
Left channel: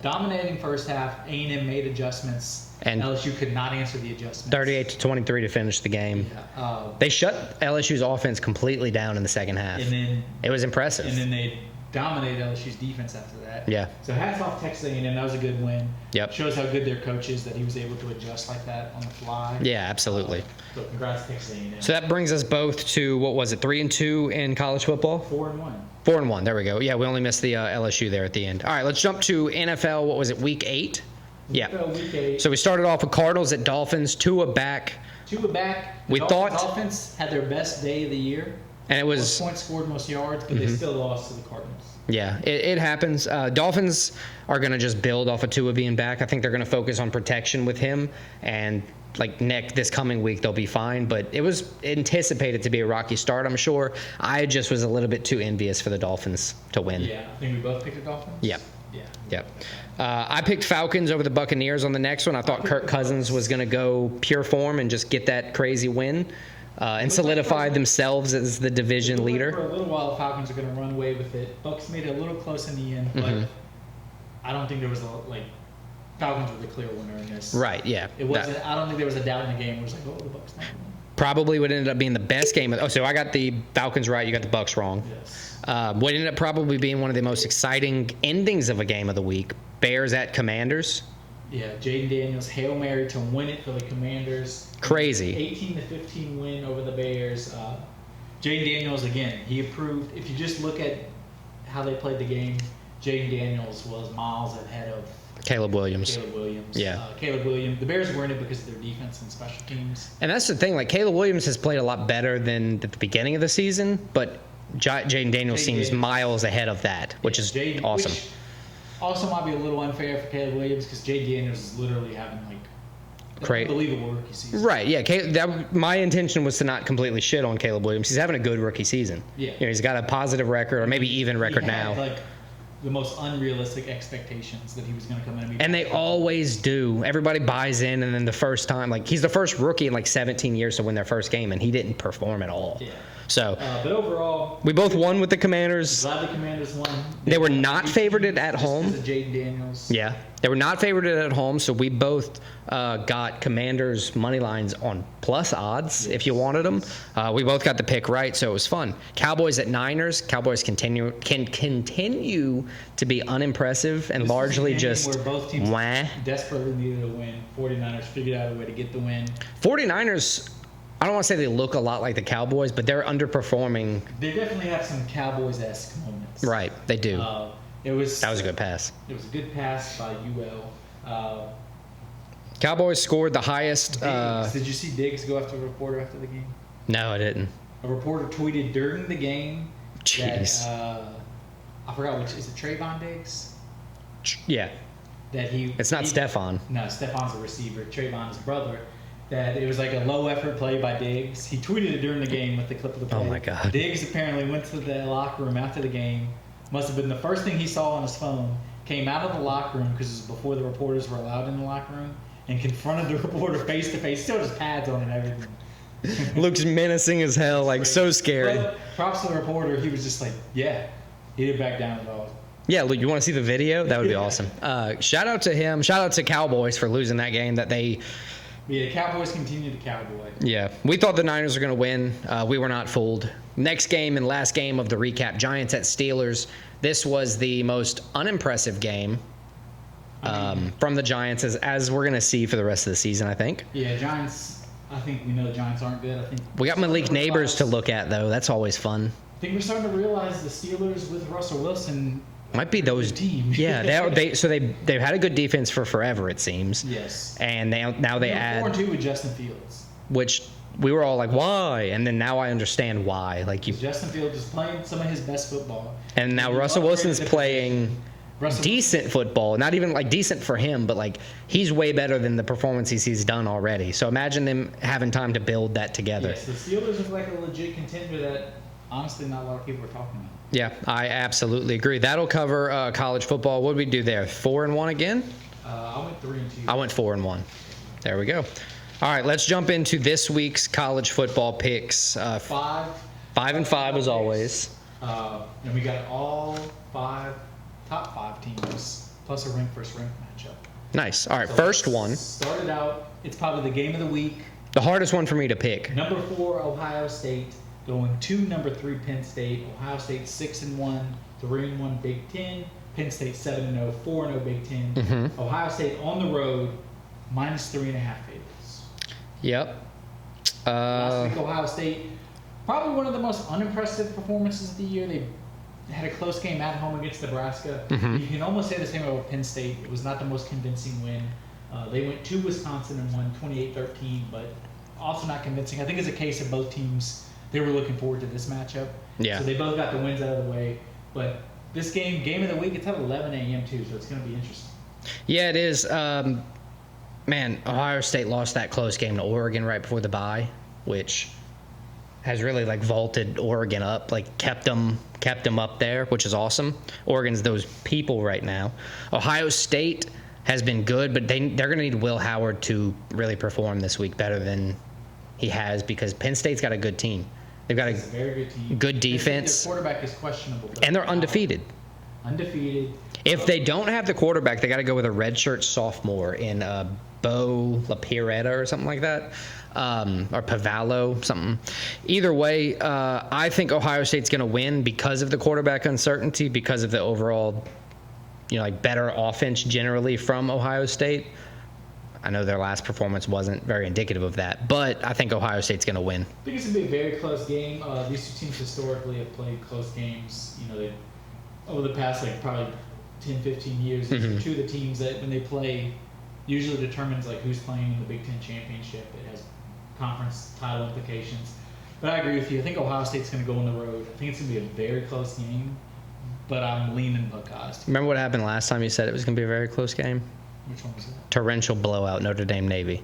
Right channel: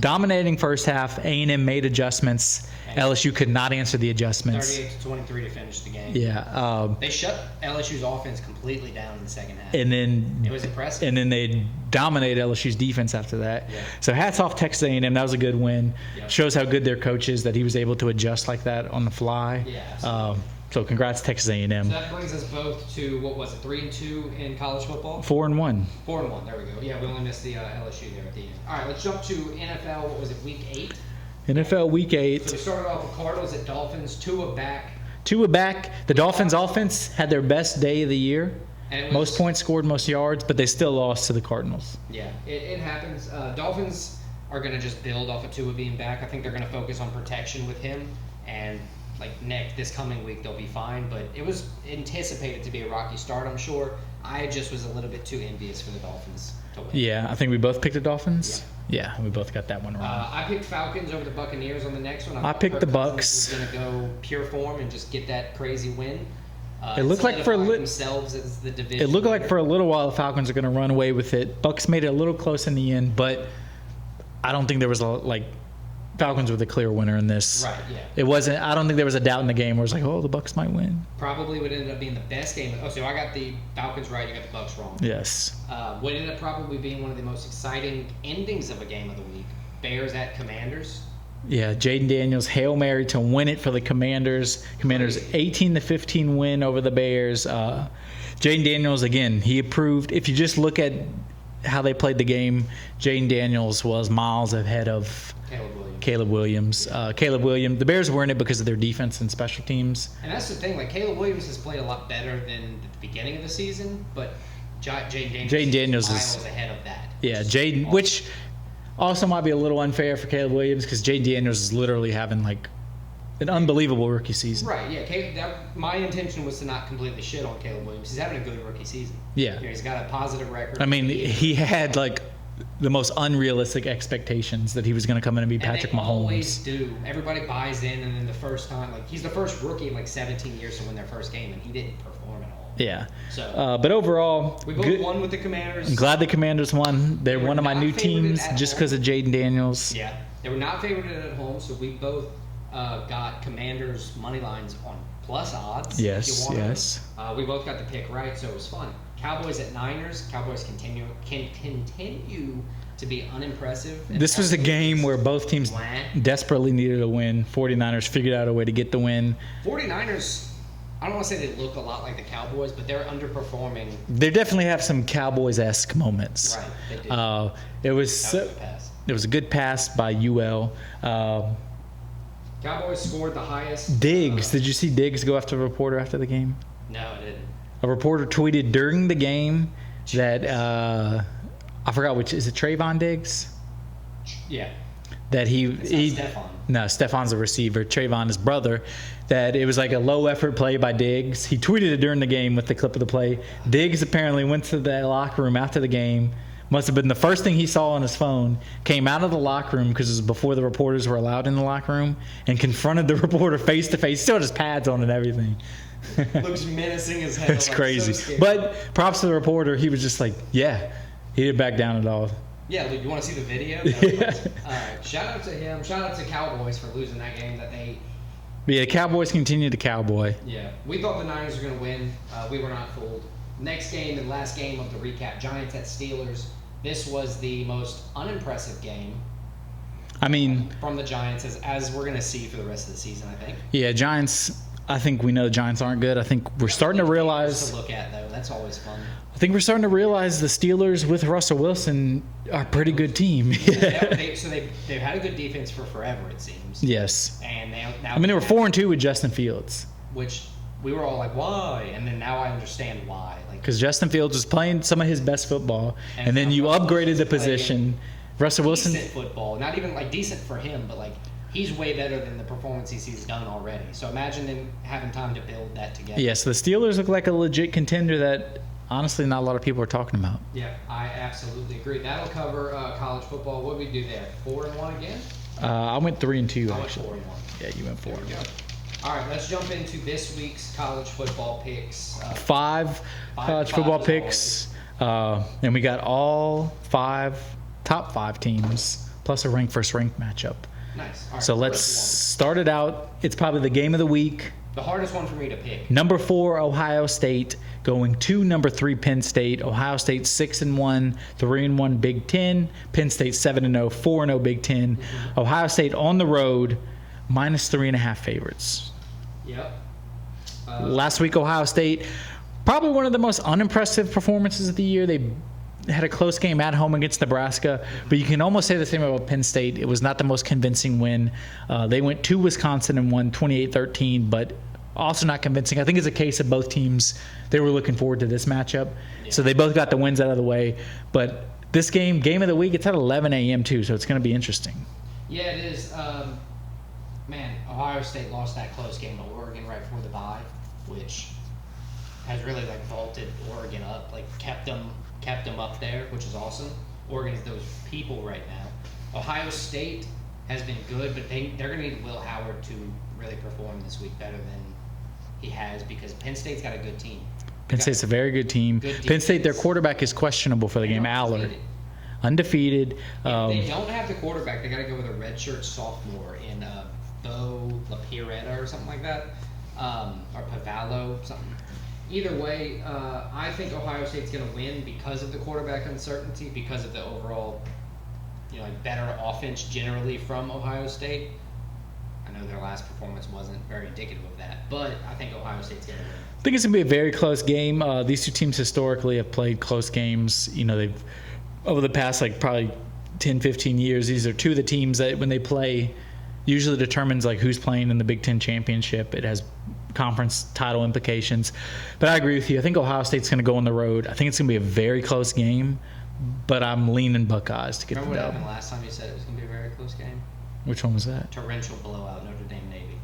dominating first half. A&M made adjustments. And LSU could not answer the adjustments. 38-23 to finish the game. Yeah. They shut LSU's offense completely down in the second half. And then it was impressive. And then they dominated LSU's defense after that. Yeah. So hats off Texas A&M. That was a good win. Yep. Shows how good their coach is that he was able to adjust like that on the fly. Yeah, absolutely. So congrats Texas A&M. So that brings us both to, 3-2 in college football? 4-1. 4-1. There we go. Yeah, we only missed the LSU there at the end. All right, let's jump to NFL. What was it, week 8? NFL week 8. So we started off with Cardinals at Dolphins. Tua back. Tua back. The We Dolphins thought- offense had their best day of the year. And it was most points scored, most yards, but they still lost to the Cardinals. Yeah, it happens. Dolphins are going to just build off of Tua being back. I think they're going to focus on protection with him, and like this coming week they'll be fine. But it was anticipated to be a rocky start, I'm sure. I just was a little bit too envious for the Dolphins to win. Yeah, I think we both picked the Dolphins. Yeah, we both got that one. I picked Falcons over the Buccaneers on the next one. I thought Kirk Cousins was going to go pure form and just get that crazy win. And solidified themselves as the division leader. It looked like for a little while the Falcons are going to run away with it. Bucs made it a little close in the end, but I don't think there was Falcons were the clear winner in this. Right, yeah. It wasn't. I don't think there was a doubt in the game where it was like, oh, the Bucs might win. Probably would end up being the best game. So I got the Falcons right. You got the Bucs wrong. Yes. What ended up probably being one of the most exciting endings of a game of the week. Bears at Commanders. Yeah, Jaden Daniels, Hail Mary to win it for the Commanders. Crazy. 18-15 win over the Bears. Jaden Daniels, again, he improved. If you just look at how they played the game, Jaden Daniels was miles ahead of Caleb Williams. Yeah. Caleb Williams. The Bears were in it because of their defense and special teams. And that's the thing. Like, Caleb Williams has played a lot better than at the beginning of the season, but Jaden Daniels seems miles ahead of that, which is Jaden, awesome. Which also might be a little unfair for Caleb Williams because Jaden Daniels is literally having an unbelievable rookie season. Right, yeah. My intention was to not completely shit on Caleb Williams. He's having a good rookie season. Yeah. He's got a positive record, maybe even he record had now. The most unrealistic expectations that he was going to come in and be Patrick Mahomes. And they always do. Everybody buys in, and then the first time, he's the first rookie in 17 years to win their first game, and he didn't perform at all. Yeah. So, but overall, we both won with the Commanders. I'm glad the Commanders won. They were not favorited at home just because of Jaden Daniels. Yeah, they were not favorited at home, so we both got Commanders money lines on plus odds if you wanted them. We both got the pick right, so it was fun. Cowboys at Niners. Cowboys can continue to be unimpressive, and this was a game where both teams desperately needed a win. 49ers figured out a way to get the win. 49ers, I don't want to say they look a lot like the Cowboys, but they're underperforming. They definitely have some Cowboys-esque moments. Right, they do. That was a good pass. It was a good pass by UL. Cowboys scored the highest. Diggs. Did you see Diggs go after a reporter after the game? No, I didn't. A reporter tweeted during the game that I forgot which is it. Trayvon Diggs. Yeah. That It's not Stephon. No, Stephon's a receiver. Trayvon, his brother. That it was like a low effort play by Diggs. He tweeted it during the game with the clip of the play. Oh my God. Diggs apparently went to the locker room after the game. Must have been the first thing he saw on his phone. Came out of the locker room because it was before the reporters were allowed in the locker room, and confronted the reporter face to face. Still had his pads on and everything. Looks menacing as hell. That's crazy. So scary. But props to the reporter. He was just like, yeah, he didn't back down at all. Yeah, look, you want to see the video? That would be awesome. Shout out to him. Shout out to Cowboys for losing that game. Cowboys continue to cowboy. Yeah, we thought the Niners were going to win. We were not fooled. Next game and last game of the recap, Giants at Steelers. This was the most unimpressive game. From the Giants, as we're going to see for the rest of the season, I think. Yeah, Giants. I think we know the Giants aren't good. I think we're starting to realize neighbors to look at, though. That's always fun. I think we're starting to realize the Steelers with Russell Wilson are a pretty good team. Yeah, they've had a good defense for forever, it seems. Yes, and they were 4-2 with Justin Fields, which we were all like, why? And then now I understand why. Because Justin Fields is playing some of his best football, and then now you Russell upgraded Wilson's the position. Decent football, not even decent for him, but he's way better than the performances he's done already. So imagine them having time to build that together. Yes, the Steelers look like a legit contender that honestly not a lot of people are talking about. Yeah, I absolutely agree. That'll cover college football. What did we do there? 4-1 again? I went 3-2. I went 4-1. Yeah, you went 4. There we go. All right, let's jump into this week's college football picks. 5 and 5 as always. And we got all 5 top 5 teams plus a rank versus rank matchup. Nice. All right, so first one. Started out. It's probably the game of the week. The hardest one for me to pick. Number 4 Ohio State going to number 3 Penn State. Ohio State 6-1, 3-1 Big Ten. Penn State 7-0, 4-0 Big Ten. Mm-hmm. Ohio State on the road -3.5 favorites. Yep. Last week Ohio State probably one of the most unimpressive performances of the year. They had a close game at home against Nebraska, but you can almost say the same about Penn State. It was not the most convincing win. They went to Wisconsin and won 28-13, but also not convincing. I think it's a case of both teams, they were looking forward to this matchup. Yeah. So they both got the wins out of the way. But this game of the week, it's at 11 a.m. too, so it's going to be interesting. Yeah, it is. Man, Ohio State lost that close game to Oregon right before the bye, which has really like vaulted Oregon up, like kept them up there, which is awesome. Oregon's those people right now. Ohio State has been good, but they're going to need Will Howard to really perform this week better than he has, because Penn State's got a good team. Penn State's a very good team. Good defense. Penn State, their quarterback is questionable for the game. And they're undefeated. Undefeated. If they don't have the quarterback, they got to go with a redshirt sophomore in Bo LaPiretta or something like that, or Pavallo, something. Either way, I think Ohio State's going to win because of the quarterback uncertainty, because of the overall, like better offense generally from Ohio State. I know their last performance wasn't very indicative of that, but I think Ohio State's going to win. I think it's going to be a very close game. These two teams historically have played close games. They've over the past probably 10, 15 years, these are two of the teams that when they play usually determines who's playing in the Big Ten championship. It has conference title implications. But I agree with you. I think Ohio State's going to go on the road. I think it's going to be a very close game, but I'm leaning Buckeyes. Remember what happened last time you said it was going to be a very close game? Which one was that? Torrential blowout, Notre Dame Navy.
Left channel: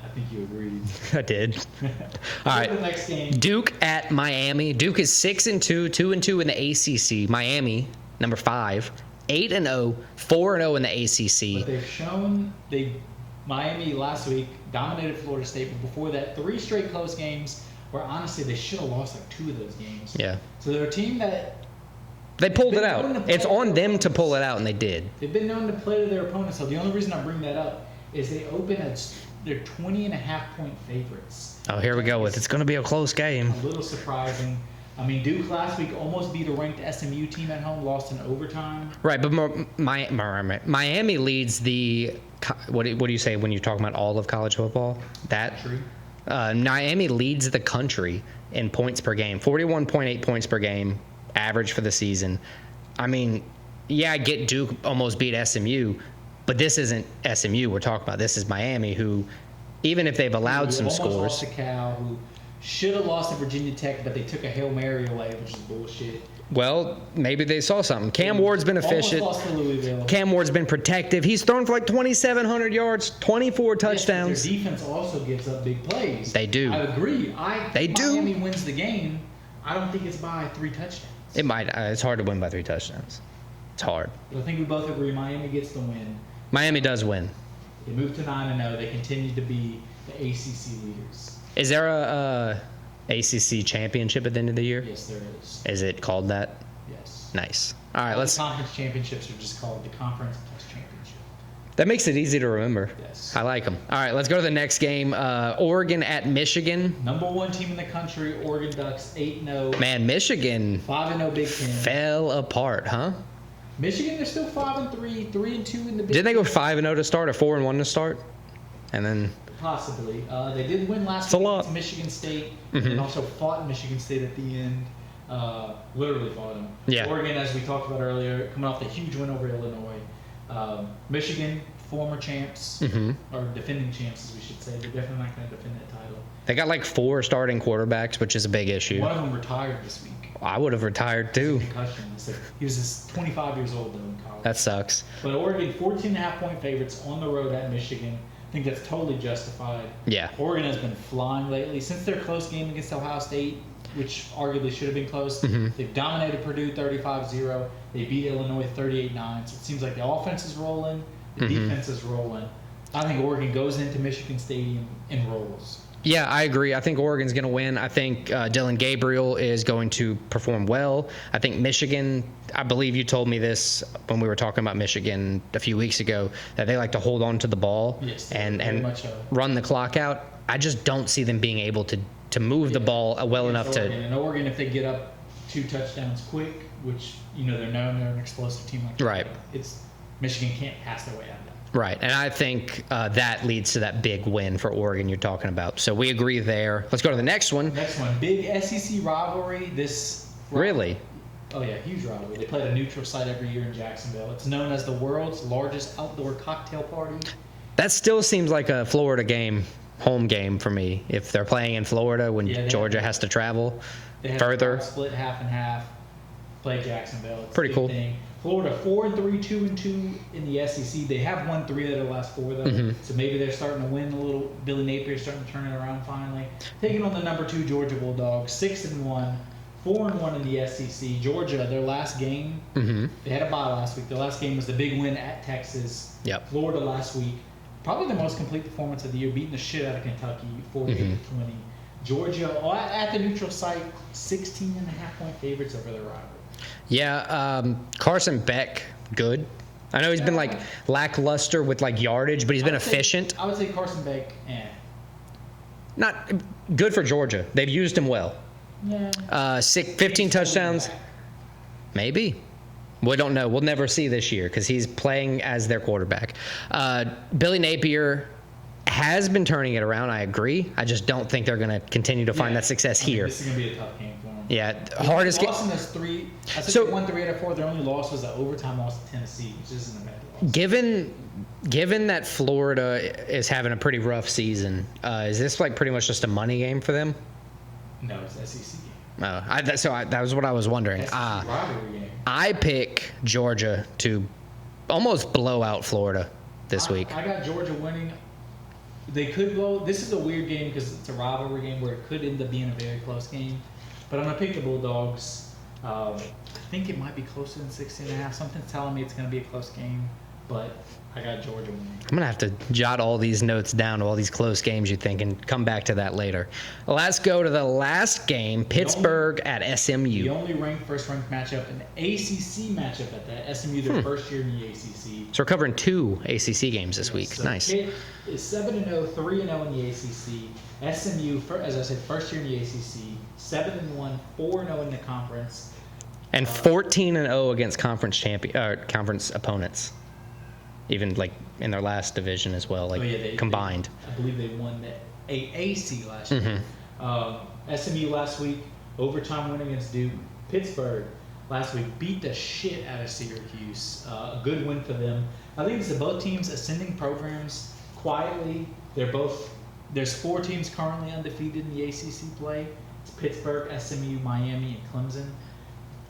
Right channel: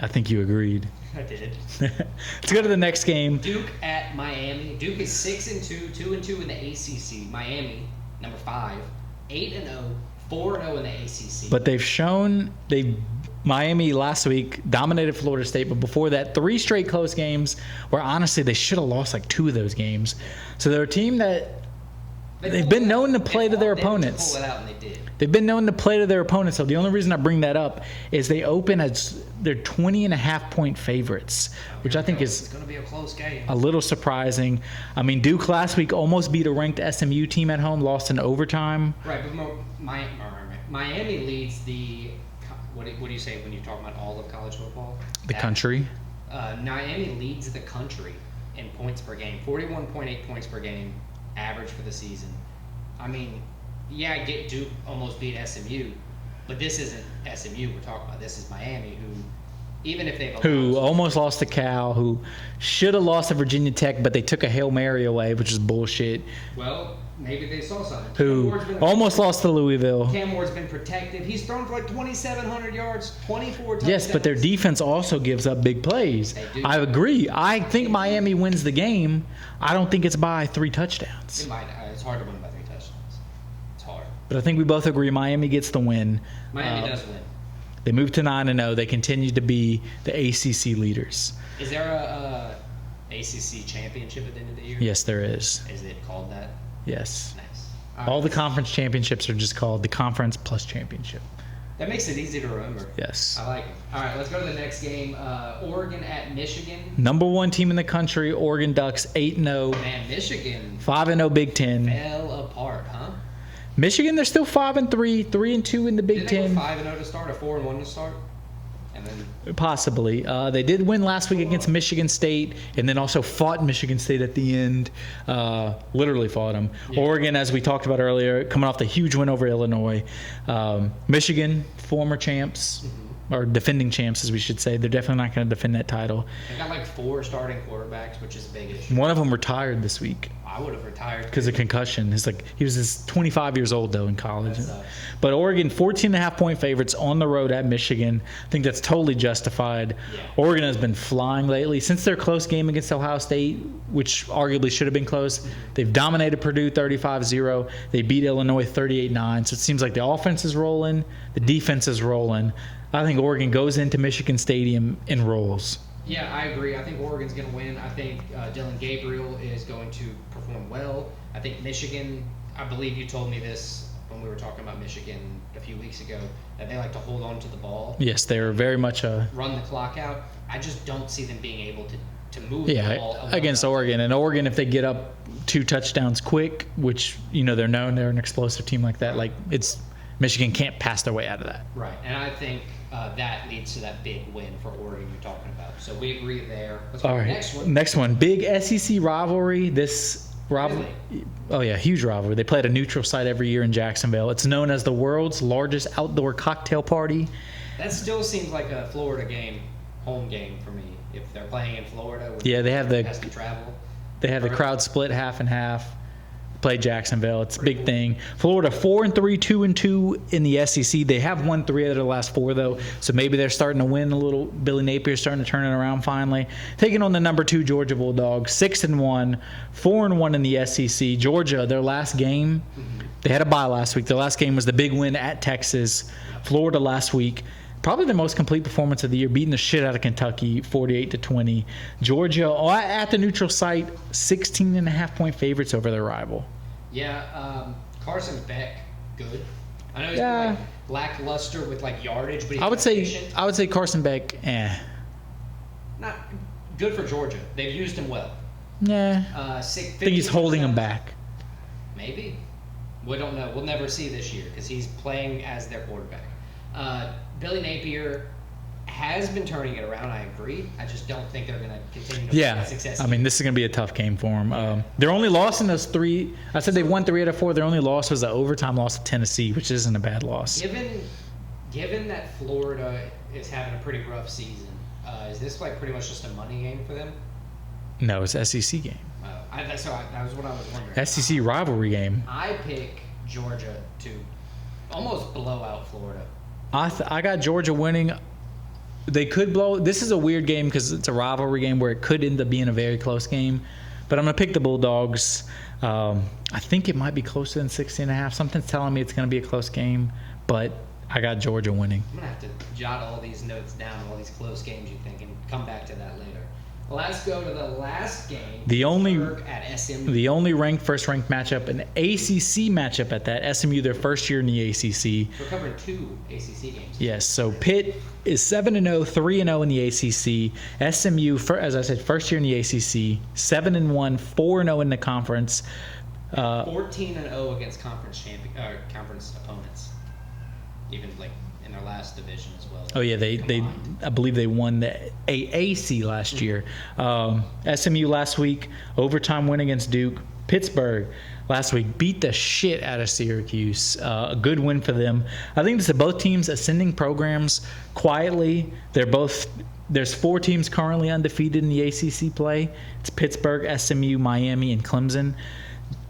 I think you agreed. I did. Let's go to the next game. Duke at Miami. Duke is 6-2, 2-2 in the ACC. Miami, number 5, 8-0, 4-0 in the ACC. But they've shown Miami last week dominated Florida State, but before that, 3 straight close games where honestly they should have lost 2 of those games. Yeah. So they're a team that they've been known to play it's to on their them opponents. to pull it out, and they did. They've been known to play to their opponents. So the only reason I bring that up is they open as they're 20.5-point favorites. Oh, here we go. It's going to be a close game. A little surprising. I mean, Duke last week almost beat a ranked SMU team at home, lost in overtime. Right, but Miami leads the. What do you say when you're talking about all of college football? The country. Miami leads the country in points per game, 41.8 points per game, average for the season. I mean, yeah, I get Duke almost beat SMU, but this isn't SMU we're talking about. This is Miami, who, even if they've allowed some almost scores, lost to Cal, who should have lost to Virginia Tech, but they took a Hail Mary away, which is bullshit. Well, maybe they saw something. Cam Ward's been efficient. Almost lost to Louisville. Cam Ward's been protective. He's thrown for 2,700 yards, 24 touchdowns. Yes, but their defense also gives up big plays. They do. I agree. I think They do. Miami wins the game. I don't think it's by 3 touchdowns. It might. It's hard to win by 3 touchdowns. It's hard. But I think we both agree Miami gets the win. Miami does win. They moved to 9-0. They continue to be the ACC leaders. Is there a ACC championship at the end of the year? Yes, there is. Is it called that? Yes. Nice. All the conference championships are just called the conference plus championship. That makes it easy to remember. Yes. I like them. All right, let's go to the next game. Oregon at Michigan. Number 1 team in the country, Oregon Ducks, 8-0. Man, Michigan 5-0 Big Ten. fell apart, huh? Michigan, they're still 5-3, 3-2 in the Big Ten. Did they go 5-0 to start or 4-1 to start? And then Possibly. They did win last week against Michigan State, and then also fought Michigan State at the end. Literally fought them. Yeah. Oregon, as we talked about earlier, coming off the huge win over Illinois. Michigan, former champs, or defending champs, as we should say. They're definitely not going to defend that title. they got 4 starting quarterbacks, which is a big issue. One of them retired this week I would have retired because too. of concussion. He was 25 years old, though, in college. That sucks. But Oregon, 14.5-point favorites on the road at Michigan. I think that's totally justified. Yeah. Oregon has been flying lately. Since their close game against Ohio State, which arguably should have been close, they've dominated Purdue 35-0. They beat Illinois 38-9. So it seems like the offense is rolling, the defense is rolling. I think Oregon goes into Michigan Stadium and rolls. Yeah, I agree. I think Oregon's going to win. I think Dylan Gabriel is going to perform well. I think Michigan, I believe you told me this when we were talking about Michigan a few weeks ago, that they like to hold on to the ball. Yes, they are very much run the clock out. I just don't see them being able to move the ball well against enough Oregon. And Oregon, if they get up 2 touchdowns quick, which they're known, they're an explosive team like that. Right. Michigan can't pass their way out of that. Right, and I think that leads to that big win for Oregon you're talking about. So we agree there. Let's go to the next one. Next one, big SEC rivalry. Really? Oh yeah, huge rivalry. They play at a neutral site every year in Jacksonville. It's known as the world's largest outdoor cocktail party. That still seems like a Florida game. home game for me. If they're playing in Florida when Georgia has to travel. They have the crowd split half and half. Play Jacksonville. It's Pretty a big cool. thing. Florida 4-3, 2-2 in the SEC. They have won 3 out of their last 4 though, so maybe they're starting to win a little. Billy Napier's starting to turn it around finally. Taking on the number 2 Georgia Bulldogs, 6-1, 4-1 in the SEC. Georgia, their last game, they had a bye last week. Their last game was the big win at Texas. Yep. Florida last week. Probably the most complete performance of the year, beating the shit out of Kentucky, 48-20. Georgia, at the neutral site, 16.5-point favorites over their rival. Yeah, Carson Beck, good. I know he's been like lackluster with like yardage, but he's been efficient. I would say Carson Beck, Not good for Georgia. They've used him well. Yeah. 15 holding him touchdowns. back. Maybe. We don't know. We'll never see this year because he's playing as their quarterback. Billy Napier has been turning it around. I agree. I just don't think they're going to continue to find that success here. I mean, this is going to be a tough game for them. Yeah, their only loss in those 3. I said they won 3 out of 4. Their only loss was the overtime loss to Tennessee, which isn't a bad loss. Given that Florida is having a pretty rough season, is this like pretty much just a money game for them? No, it's an SEC game. That was what I was wondering. SEC rivalry game. I pick Georgia to almost blow out Florida this week. I got Georgia winning. They could blow. This is a weird game because it's a rivalry game where it could end up being a very close game. But I'm going to pick the Bulldogs. I think it might be closer than 16.5. Something's telling me it's going to be a close game. But I got Georgia winning. I'm going to have to jot all these notes down of all these close games you think and come back to that later. Let's go to the last game, Pittsburgh at SMU. The only first-ranked matchup, an ACC matchup at that. SMU, their first year in the ACC. So we're covering 2 ACC games this week. So nice. Pitt is 7-0, 3-0 in the ACC. SMU, as I said, first year in the ACC, 7-1, 4-0 in the conference. And 14-0 against conference opponents. Even like in their last division as well. Like they combined. I believe they won the AAC last year. SMU last week, overtime win against Duke. Pittsburgh last week beat the shit out of Syracuse. A good win for them. I think this is both teams ascending programs quietly. There's 4 teams currently undefeated in the ACC play. It's Pittsburgh, SMU, Miami, and Clemson.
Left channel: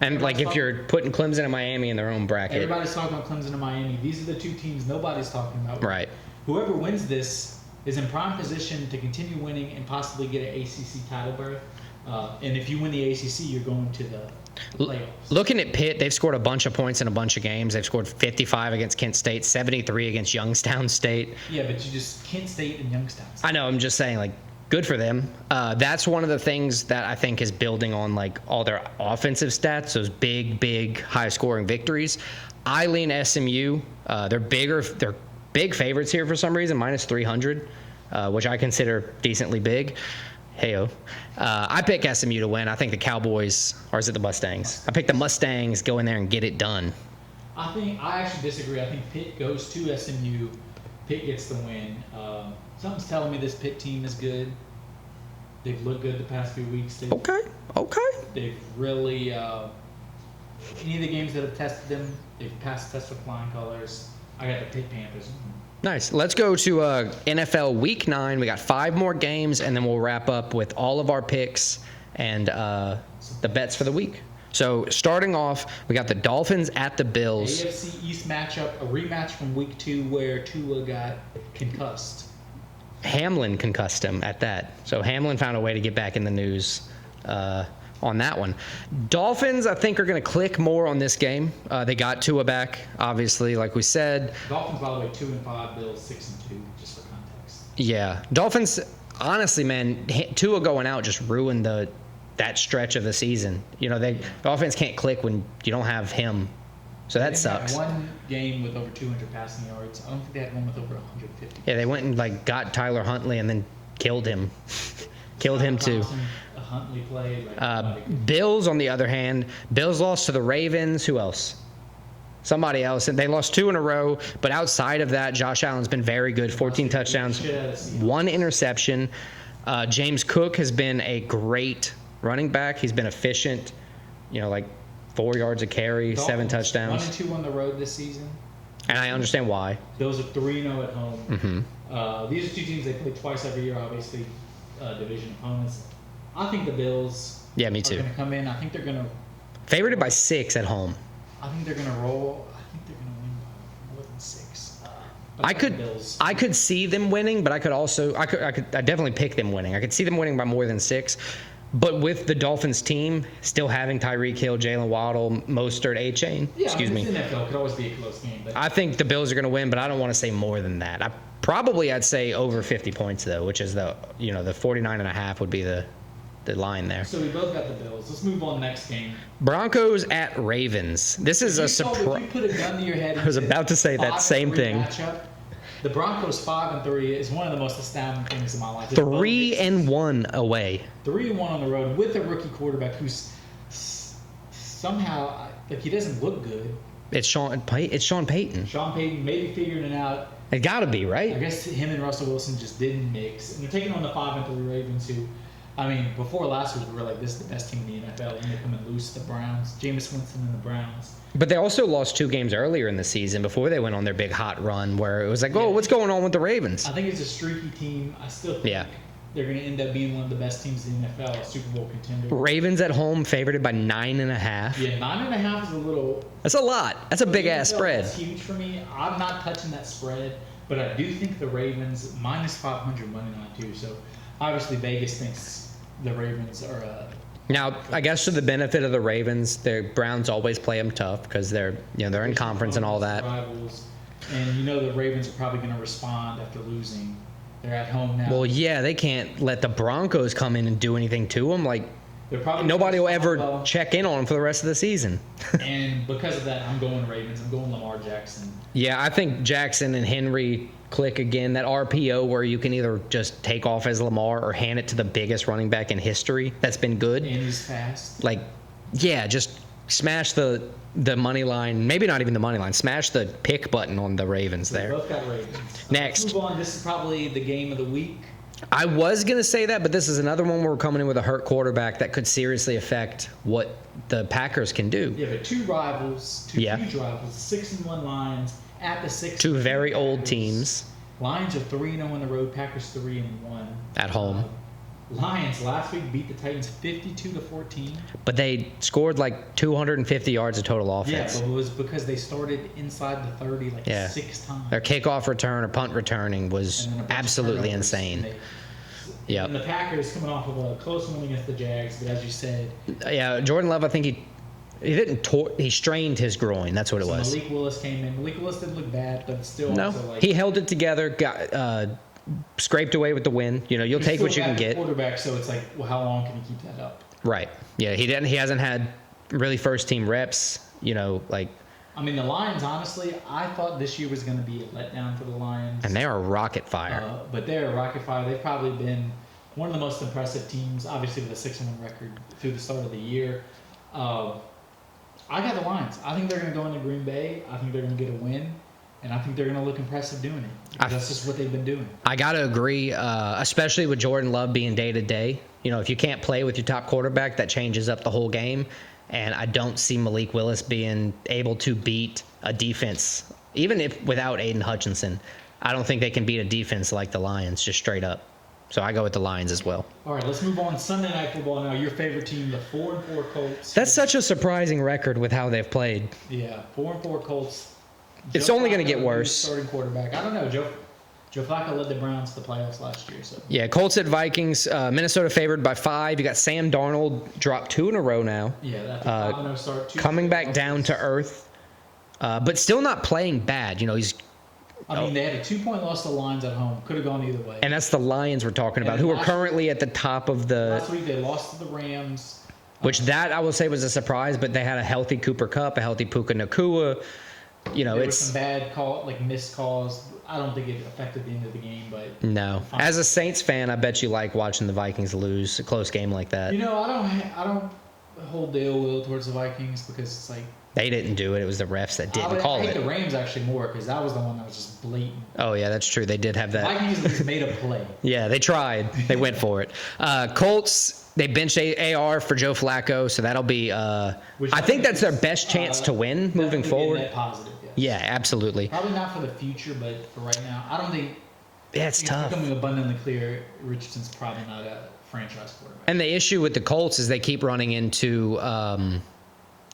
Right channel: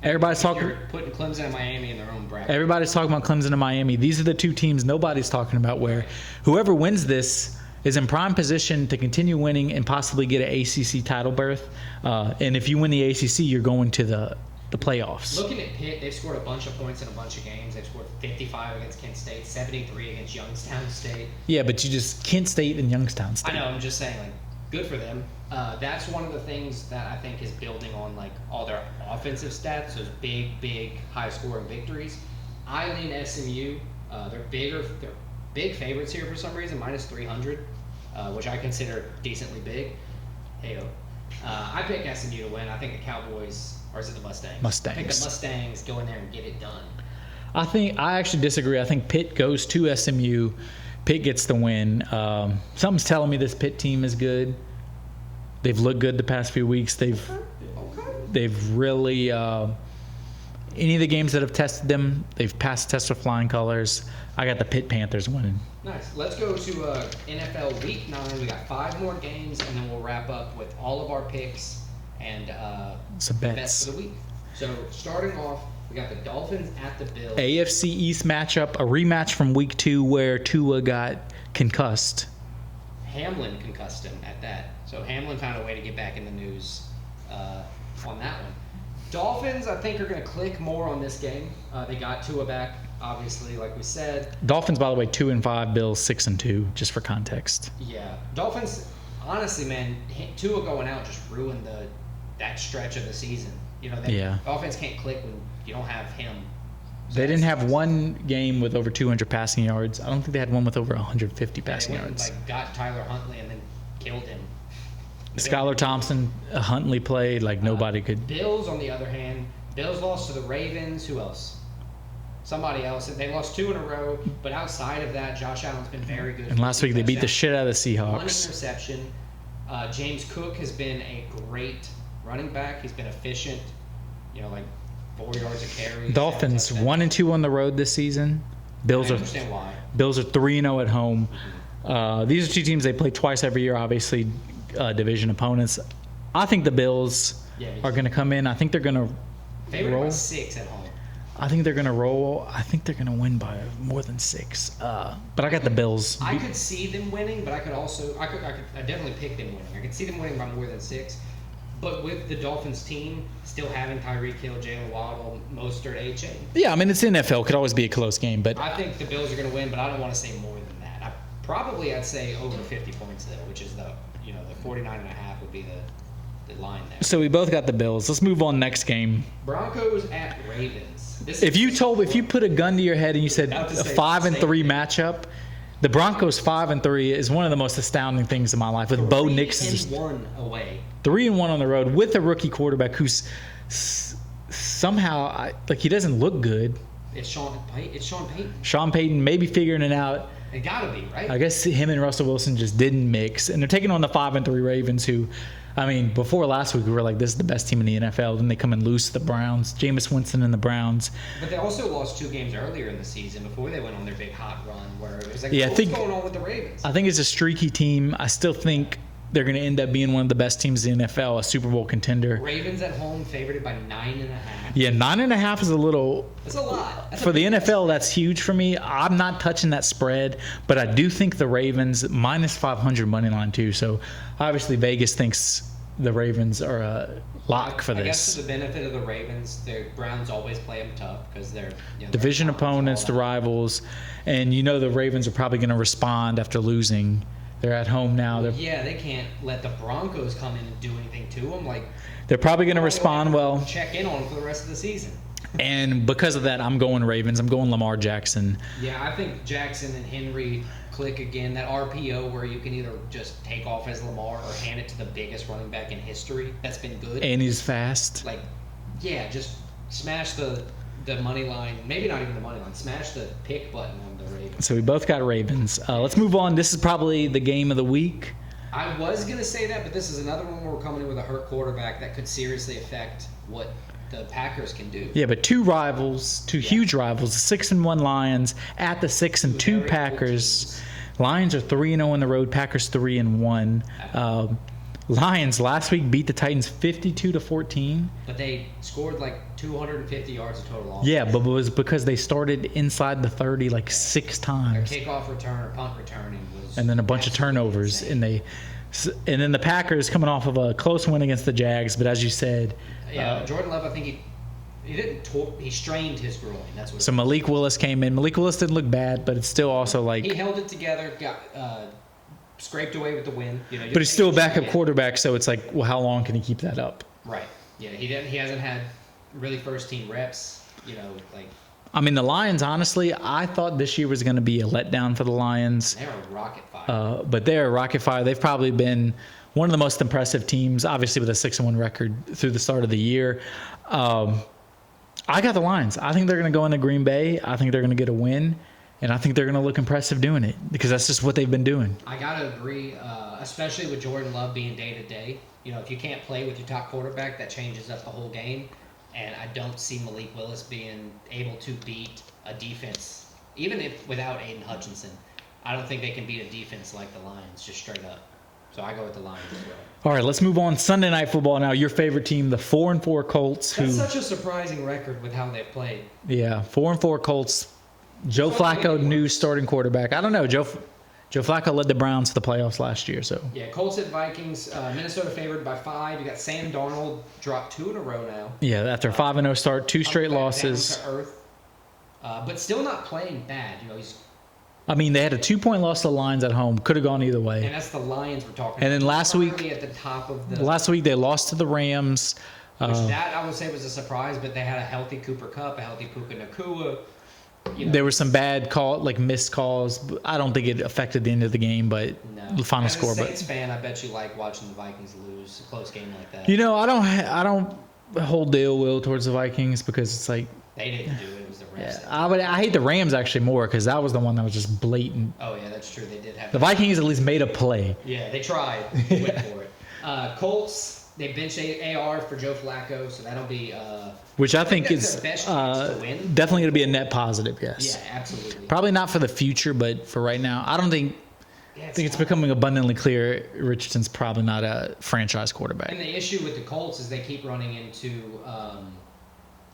And like if you're putting Clemson and Miami in their own bracket. Everybody's talking about Clemson and Miami. These are the 2 teams nobody's talking about. Right. Whoever wins this is in prime position to continue winning and possibly get an ACC title berth. And if you win the ACC, you're going to the playoffs. Looking at Pitt, they've scored a bunch of points in a bunch of games. They've scored 55 against Kent State, 73 against Youngstown State. Yeah, but Kent State and Youngstown State. I know. I'm just saying, like, good for them. That's one of the things that I think is building on like all their offensive stats, those big, high-scoring victories. I lean SMU. They're big favorites here for some reason, minus 300, which I consider decently big. Heyo. I pick SMU to win. I think the Cowboys, or is it the Mustangs? I pick the Mustangs, go in there and get it done. I actually disagree. I think Pitt goes to SMU. Pitt gets the win. Something's telling me this Pitt team is good. They've looked good the past few weeks. Okay. They've really any of the games that have tested them, they've passed the test with flying colors. I got the Pitt Panthers winning. Nice. Let's go to NFL Week 9. We got 5 more games, and then we'll wrap up with all of our picks and the bets for the week. So starting off, we got the Dolphins at the Bills. AFC East matchup, a rematch from Week 2 where Tua got concussed. Hamlin concussed him at that. So Hamlin found a way to get back in the news on that one. Dolphins, I think, are going to click more on this game. They got Tua back, obviously, like we said. Dolphins, by the way, 2-5. Bills 6-2, just for context. Yeah. Dolphins, honestly, man, Tua going out just ruined that stretch of the season. The offense can't click when you don't have him. So they didn't have one game with over 200 passing yards. I don't think they had one with over 150 passing yards. Yeah, they went and got Tyler Huntley and then killed him. Skylar Thompson, Huntley played like nobody could. Bills, on the other hand, Bills lost to the Ravens. Who else? Somebody else. And they lost 2 in a row. But outside of that, Josh Allen's been very good. 14 touchdowns. They beat the shit out of the Seahawks. 1 interception. James Cook has been a great running back. He's been efficient. 4 yards a carry, Dolphins, 7 touchdowns. 1-2 on the road this season. And I understand why. Bills are 3-0 at home. These are two teams they play twice every year, obviously, division opponents. I think the Bills me are too. going to come in. I think they're going to Favored by 6 at home. I think they're going to roll. I think they're going to win by more than 6. But I got the Bills. I could see them winning, but I could definitely pick them winning. I could see them winning by more than 6. But with the Dolphins team still having Tyreek Hill, Jalen Waddle, Mostert, A-Chain. Yeah, I mean, it's NFL. It could always be a close game. But I think the Bills are going to win, but I don't want to say more than that. I'd say over 50 points, though, which is the 49.5 would be the line there. So we both got the Bills. Let's move on next game. Broncos at Ravens. If you put a gun to your head and you said about to say 5-3 matchup, the Broncos 5-3 is one of the most astounding things in my life. 3-1 away. 3-1 on the road with a rookie quarterback who's somehow he doesn't look good. It's Sean Payton. Sean Payton maybe figuring it out. It got to be, right? I guess him and Russell Wilson just didn't mix, and they're taking on the 5-3 Ravens, who, I mean, before last week we were like, this is the best team in the NFL. Then they come and lose to the Browns, Jameis Winston and the Browns. But they also lost 2 games earlier in the season before they went on their big hot run, where it was like, what's going on with the Ravens? I think it's a streaky team. I still think they're going to end up being one of the best teams in the NFL, a Super Bowl contender. Ravens at home, favored by 9.5. Yeah, 9.5 is a little. That's a lot. That's for a big the NFL. Spread. That's huge for me. I'm not touching that spread, but I do think the Ravens minus 500 money line too. So obviously Vegas thinks the Ravens are a lock for this. I guess for the benefit of the Ravens, the Browns always play them tough because they're division in conference opponents, and all the that. Rivals, and the Ravens are probably going to respond after losing. They're at home now. Well, yeah, they can't let the Broncos come in and do anything to them. Like, they're probably going to respond well. Check in on them for the rest of the season. And because of that, I'm going Ravens. I'm going Lamar Jackson. Yeah, I think Jackson and Henry click again. That RPO where you can either just take off as Lamar or hand it to the biggest running back in history. That's been good. And he's fast. Just smash the money line. Maybe not even the money line. Smash the pick button on the Ravens. So we both got Ravens. Let's move on. This is probably the game of the week. I was going to say that, but this is another one where we're coming in with a hurt quarterback that could seriously affect what the Packers can do. Yeah, but two huge rivals, the 6-1 Lions at the 6-2 very Packers. Old teams. Lions are 3-0 on the road. Packers 3-1 at home. Lions last week beat the Titans 52-14. But they scored like 250 yards of total offense. Yeah, but it was because they started inside the 30 6 times. Their kickoff return or punt returning was and then a bunch of turnovers. Insane. And then the Packers coming off of a close win against the Jags, but as you said, Jordan Love, I think he strained his groin. That's what it was. So Malik Willis came in. Malik Willis didn't look bad, but it's still also like he held it together. Got scraped away with the win. But it's still backup quarterback, so it's like, well, how long can he keep that up? Right. Yeah, he hasn't had really first team reps. I mean, the Lions, honestly, I thought this year was going to be a letdown for the Lions. And they're a rocket fire. But they're a rocket fire. They've probably been one of the most impressive teams, obviously with a 6-1 record through the start of the year. I got the Lions. I think they're going to go into Green Bay. I think they're going to get a win. And I think they're going to look impressive doing it because that's just what they've been doing. I got to agree, especially with Jordan Love being day-to-day. If you can't play with your top quarterback, that changes up the whole game. And I don't see Malik Willis being able to beat a defense, even if without Aiden Hutchinson. I don't think they can beat a defense like the Lions, just straight up. So I go with the Lions as well. All right, let's move on. Sunday Night Football now. Your favorite team, the 4-4 Colts. That's such a surprising record with how they've played. Yeah, 4-4 Colts. Joe Flacco, new starting quarterback. I don't know. Joe Flacco led the Browns to the playoffs last year. So yeah, Colts at Vikings. Minnesota favored by 5. You got Sam Darnold dropped 2 in a row now. Yeah, after 5-0 start, 2 straight coming back losses. Down to earth, but still not playing bad. He's. I mean, they had a 2-point loss to the Lions at home. Could have gone either way. And that's the Lions we're talking about. And currently at the top of the. Last week they lost to the Rams. Which that I will say was a surprise, but they had a healthy Cooper Kupp, a healthy Puka Nacua. There were some bad missed calls. I don't think it affected the end of the game, but no. As a Saints fan, I bet you like watching the Vikings lose a close game like that. I don't hold the ill will towards the Vikings because it's like they didn't do it. It was the refs that did. I hate the Rams actually more because that was the one that was just blatant. Oh yeah, that's true. They did have that. The Vikings at least made a play. Yeah, they tried. They went for it. Colts. They benched AR for Joe Flacco, so that'll be. Which I think that's is their best chance to win. Definitely going to be a forward. net positive, yes. Yeah, absolutely. Probably not for the future, but for right now, I don't think. Yeah, I think it's becoming abundantly clear Richardson's probably not a franchise quarterback. And the issue with the Colts is they keep running into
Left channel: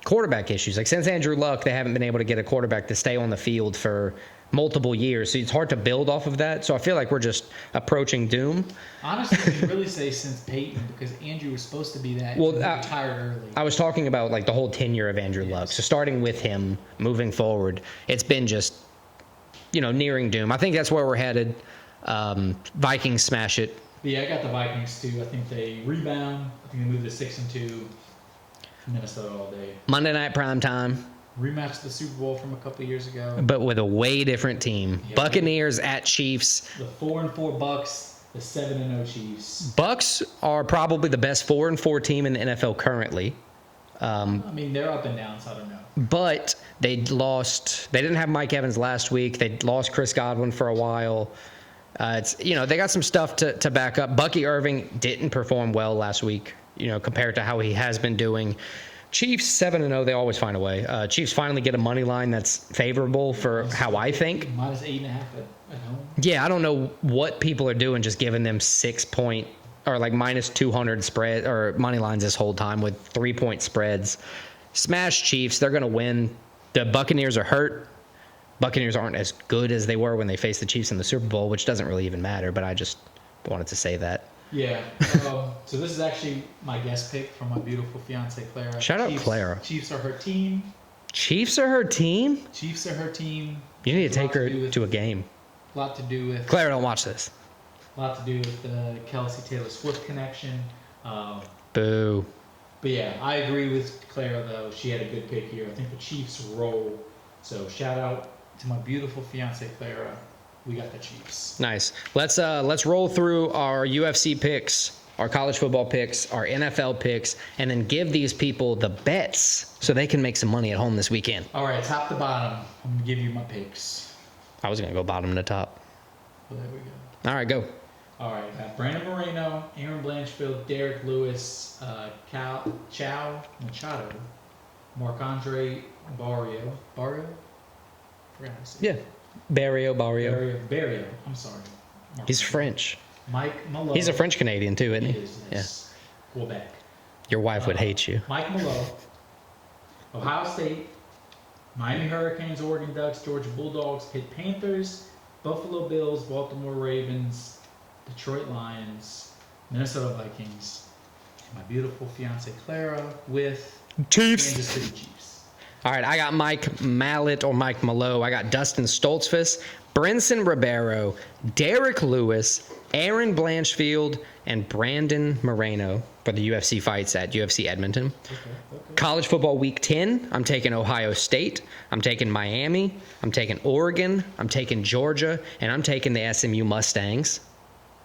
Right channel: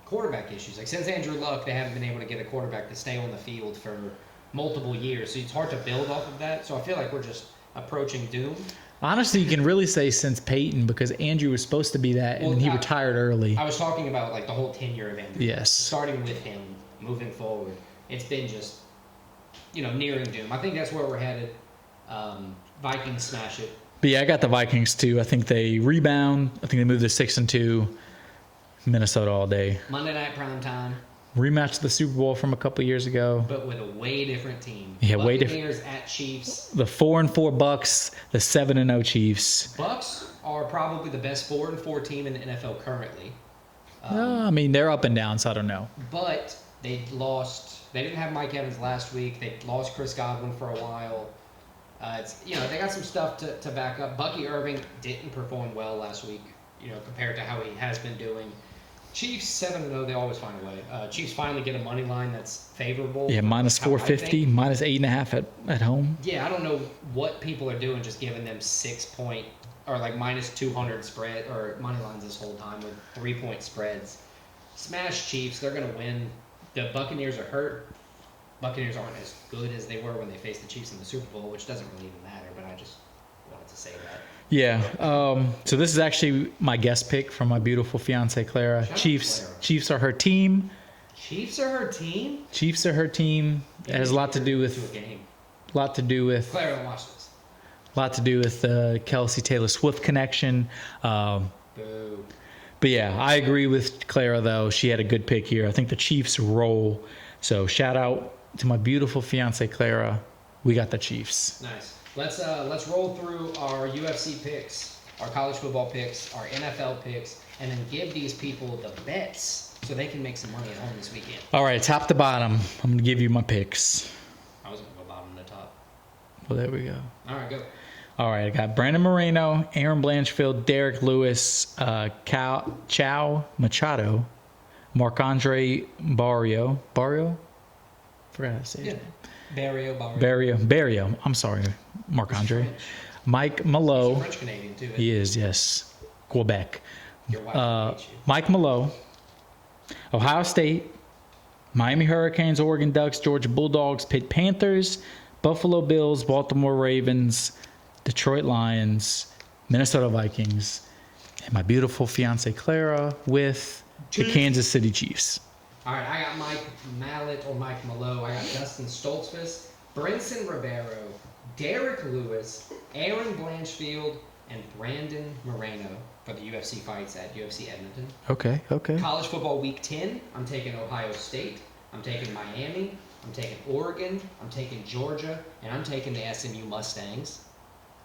quarterback issues. Like since Andrew Luck, they haven't been able to get a quarterback to stay on the field for multiple years. So it's hard to build off of that. So I feel like we're just approaching doom. Honestly, you can really say since Peyton, because Andrew was supposed to be that, and he retired early. I was talking about like the whole tenure of Andrew Yes. Luck. So starting with him, moving forward, it's been just, nearing doom. I think that's where we're headed. Vikings smash it. But yeah, I got the Vikings too. I think they rebound. I think they move to 6-2. Minnesota all day. Monday night prime time. Rematch the Super Bowl from a couple of years ago. But with a way different team. Yeah, Buccaneers at Chiefs. The 4-4 Bucks, the 7-0 Chiefs. Bucks are probably the best 4-4 team in the NFL currently. I mean, they're up and down, so I don't know. But they didn't have Mike Evans last week. They lost Chris Godwin for a while. They got some stuff to back up. Bucky Irving didn't perform well last week, compared to how he has been doing. Chiefs 7-0, they always find a way. Chiefs finally get a money line that's favorable for minus how I think. Minus 8.5 at home. Yeah, I don't know what people are doing, just giving them 6 point or like minus 200 spread or money lines this whole time with 3-point spreads. Smash Chiefs, they're going to win. The Buccaneers are hurt. Buccaneers aren't as good as they were when they faced the Chiefs in the Super Bowl, which doesn't really even matter, but I just wanted to say that. Yeah. So this is actually my guest pick from my beautiful fiance Clara. Shout out Clara. Chiefs are her team. Chiefs are her team? Chiefs are her team. Yeah, it has a lot to do with a game. A lot to do with Clara, don't watch this. A lot to do with the Kelsey Taylor Swift connection. Boo. But yeah, I agree with Clara though. She had a good pick here. I think the Chiefs roll. So shout out to my beautiful fiance Clara. We got the Chiefs. Nice. Let's roll through our UFC picks, our college football picks, our NFL picks, and then give these people the bets so they can make some money at home this weekend. All right, top to bottom, I'm going to give you my picks. I was going to go bottom to top. Well, there we go. All right, go. All right, I got Brandon Moreno, Aaron Blanchfield, Derek Lewis, Chow Machado, Marc-Andre Barrio. Barrio? Forgot how to say it. Barrio. I'm sorry, Marc-Andre. He's French. Mike Malo. He's a French Canadian too, isn't he? He is, yes. Yeah. Quebec. Your wife would hate you. Mike Malo, Ohio State, Miami Hurricanes, Oregon Ducks, Georgia Bulldogs, Pitt Panthers, Buffalo Bills, Baltimore Ravens, Detroit Lions, Minnesota Vikings, and my beautiful fiance Clara with the Kansas City Chiefs. All right, I got Mike Mallet or Mike Malo. I got Dustin Stoltzfus, Brinson Ribeiro, Derek Lewis, Aaron Blanchfield, and Brandon Moreno for the UFC fights at UFC Edmonton. Okay. College football week 10, I'm taking Ohio State. I'm taking Miami. I'm taking Oregon. I'm taking Georgia. And I'm taking the SMU Mustangs.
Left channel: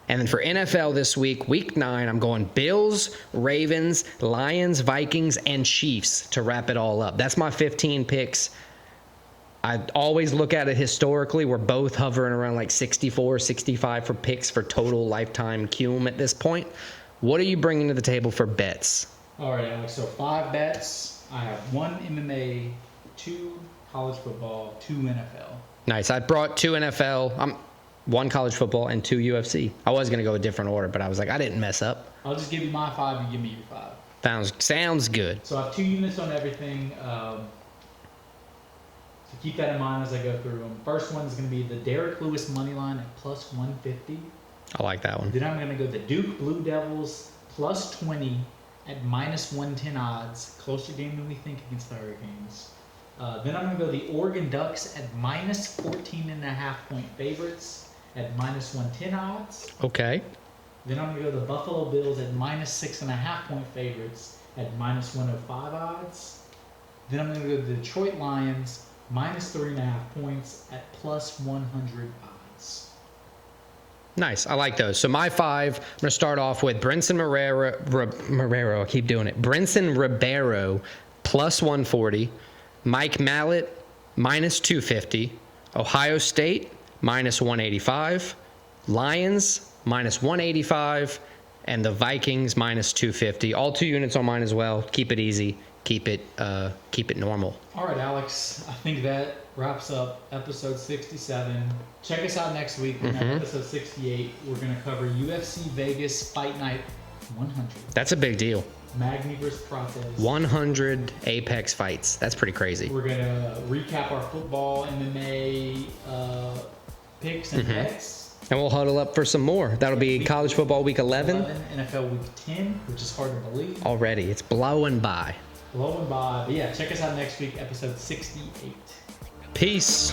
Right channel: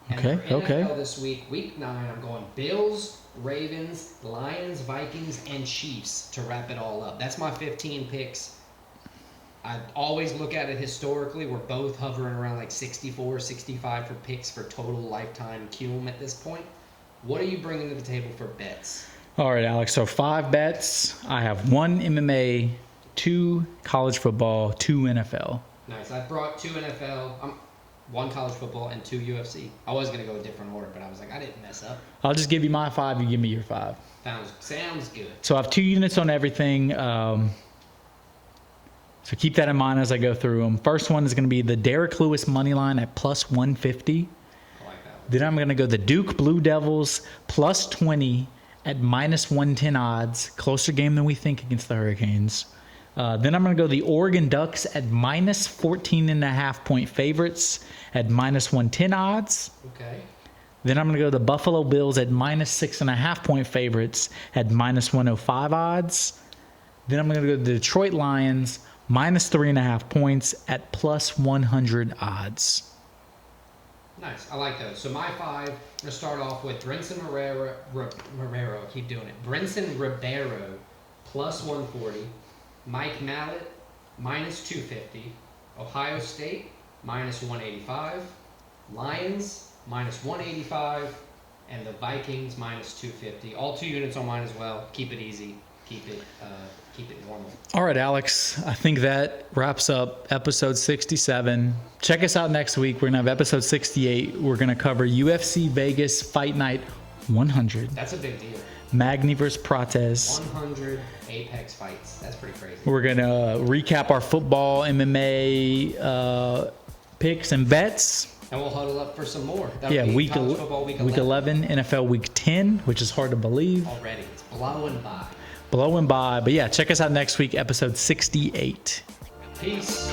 And then for NFL this week 9, I'm going Bills, Ravens, Lions, Vikings, and Chiefs to wrap it all up. That's my 15 picks. I always look at it historically. We're both hovering around like 64, 65 for picks for total lifetime cum at this point. What are you bringing to the table for bets? All right, Alex. So 5 bets. I have 1 MMA, 2 college football, 2 NFL. Nice. I brought 2 NFL. 1 college football and 2 UFC. I was going to go a different order, but I was like, I didn't mess up. I'll just give you my 5. You give me your 5. Sounds good. So I have 2 units on everything. So keep that in mind as I go through them. First one is going to be the Derek Lewis money line at plus 150. I like that one. Then I'm going to go the Duke Blue Devils plus 20 at minus 110 odds. Closer game than we think against the Hurricanes. Then I'm going to go the Oregon Ducks at minus 14.5 point favorites at minus 110 odds. Okay. Then I'm going to go the Buffalo Bills at minus 6.5 point favorites at minus 105 odds. Then I'm going to go the Detroit Lions minus 3.5 points at plus 100 odds. Nice. I like those. So my 5, I'm going to start off with Brinson Ribeiro. I keep doing it. Brinson Ribeiro plus 140. Mike Mallet minus 250. Ohio State minus 185. Lions minus 185. and the Vikings minus 250. All 2 units on mine as well. Keep it easy. Keep it normal. All right, Alex. I think that wraps up episode 67. Check us out next week. We're going to have episode 68. We're going to cover UFC Vegas Fight Night 100. That's a big deal. Magny versus Prates. 100 Apex fights. That's pretty crazy. We're going to recap our football, MMA picks and bets. And we'll huddle up for some more. That'll be college football week 11. NFL week 10, which is hard to believe. Already. It's blowing by. But yeah, check us out next week, episode 68. Peace.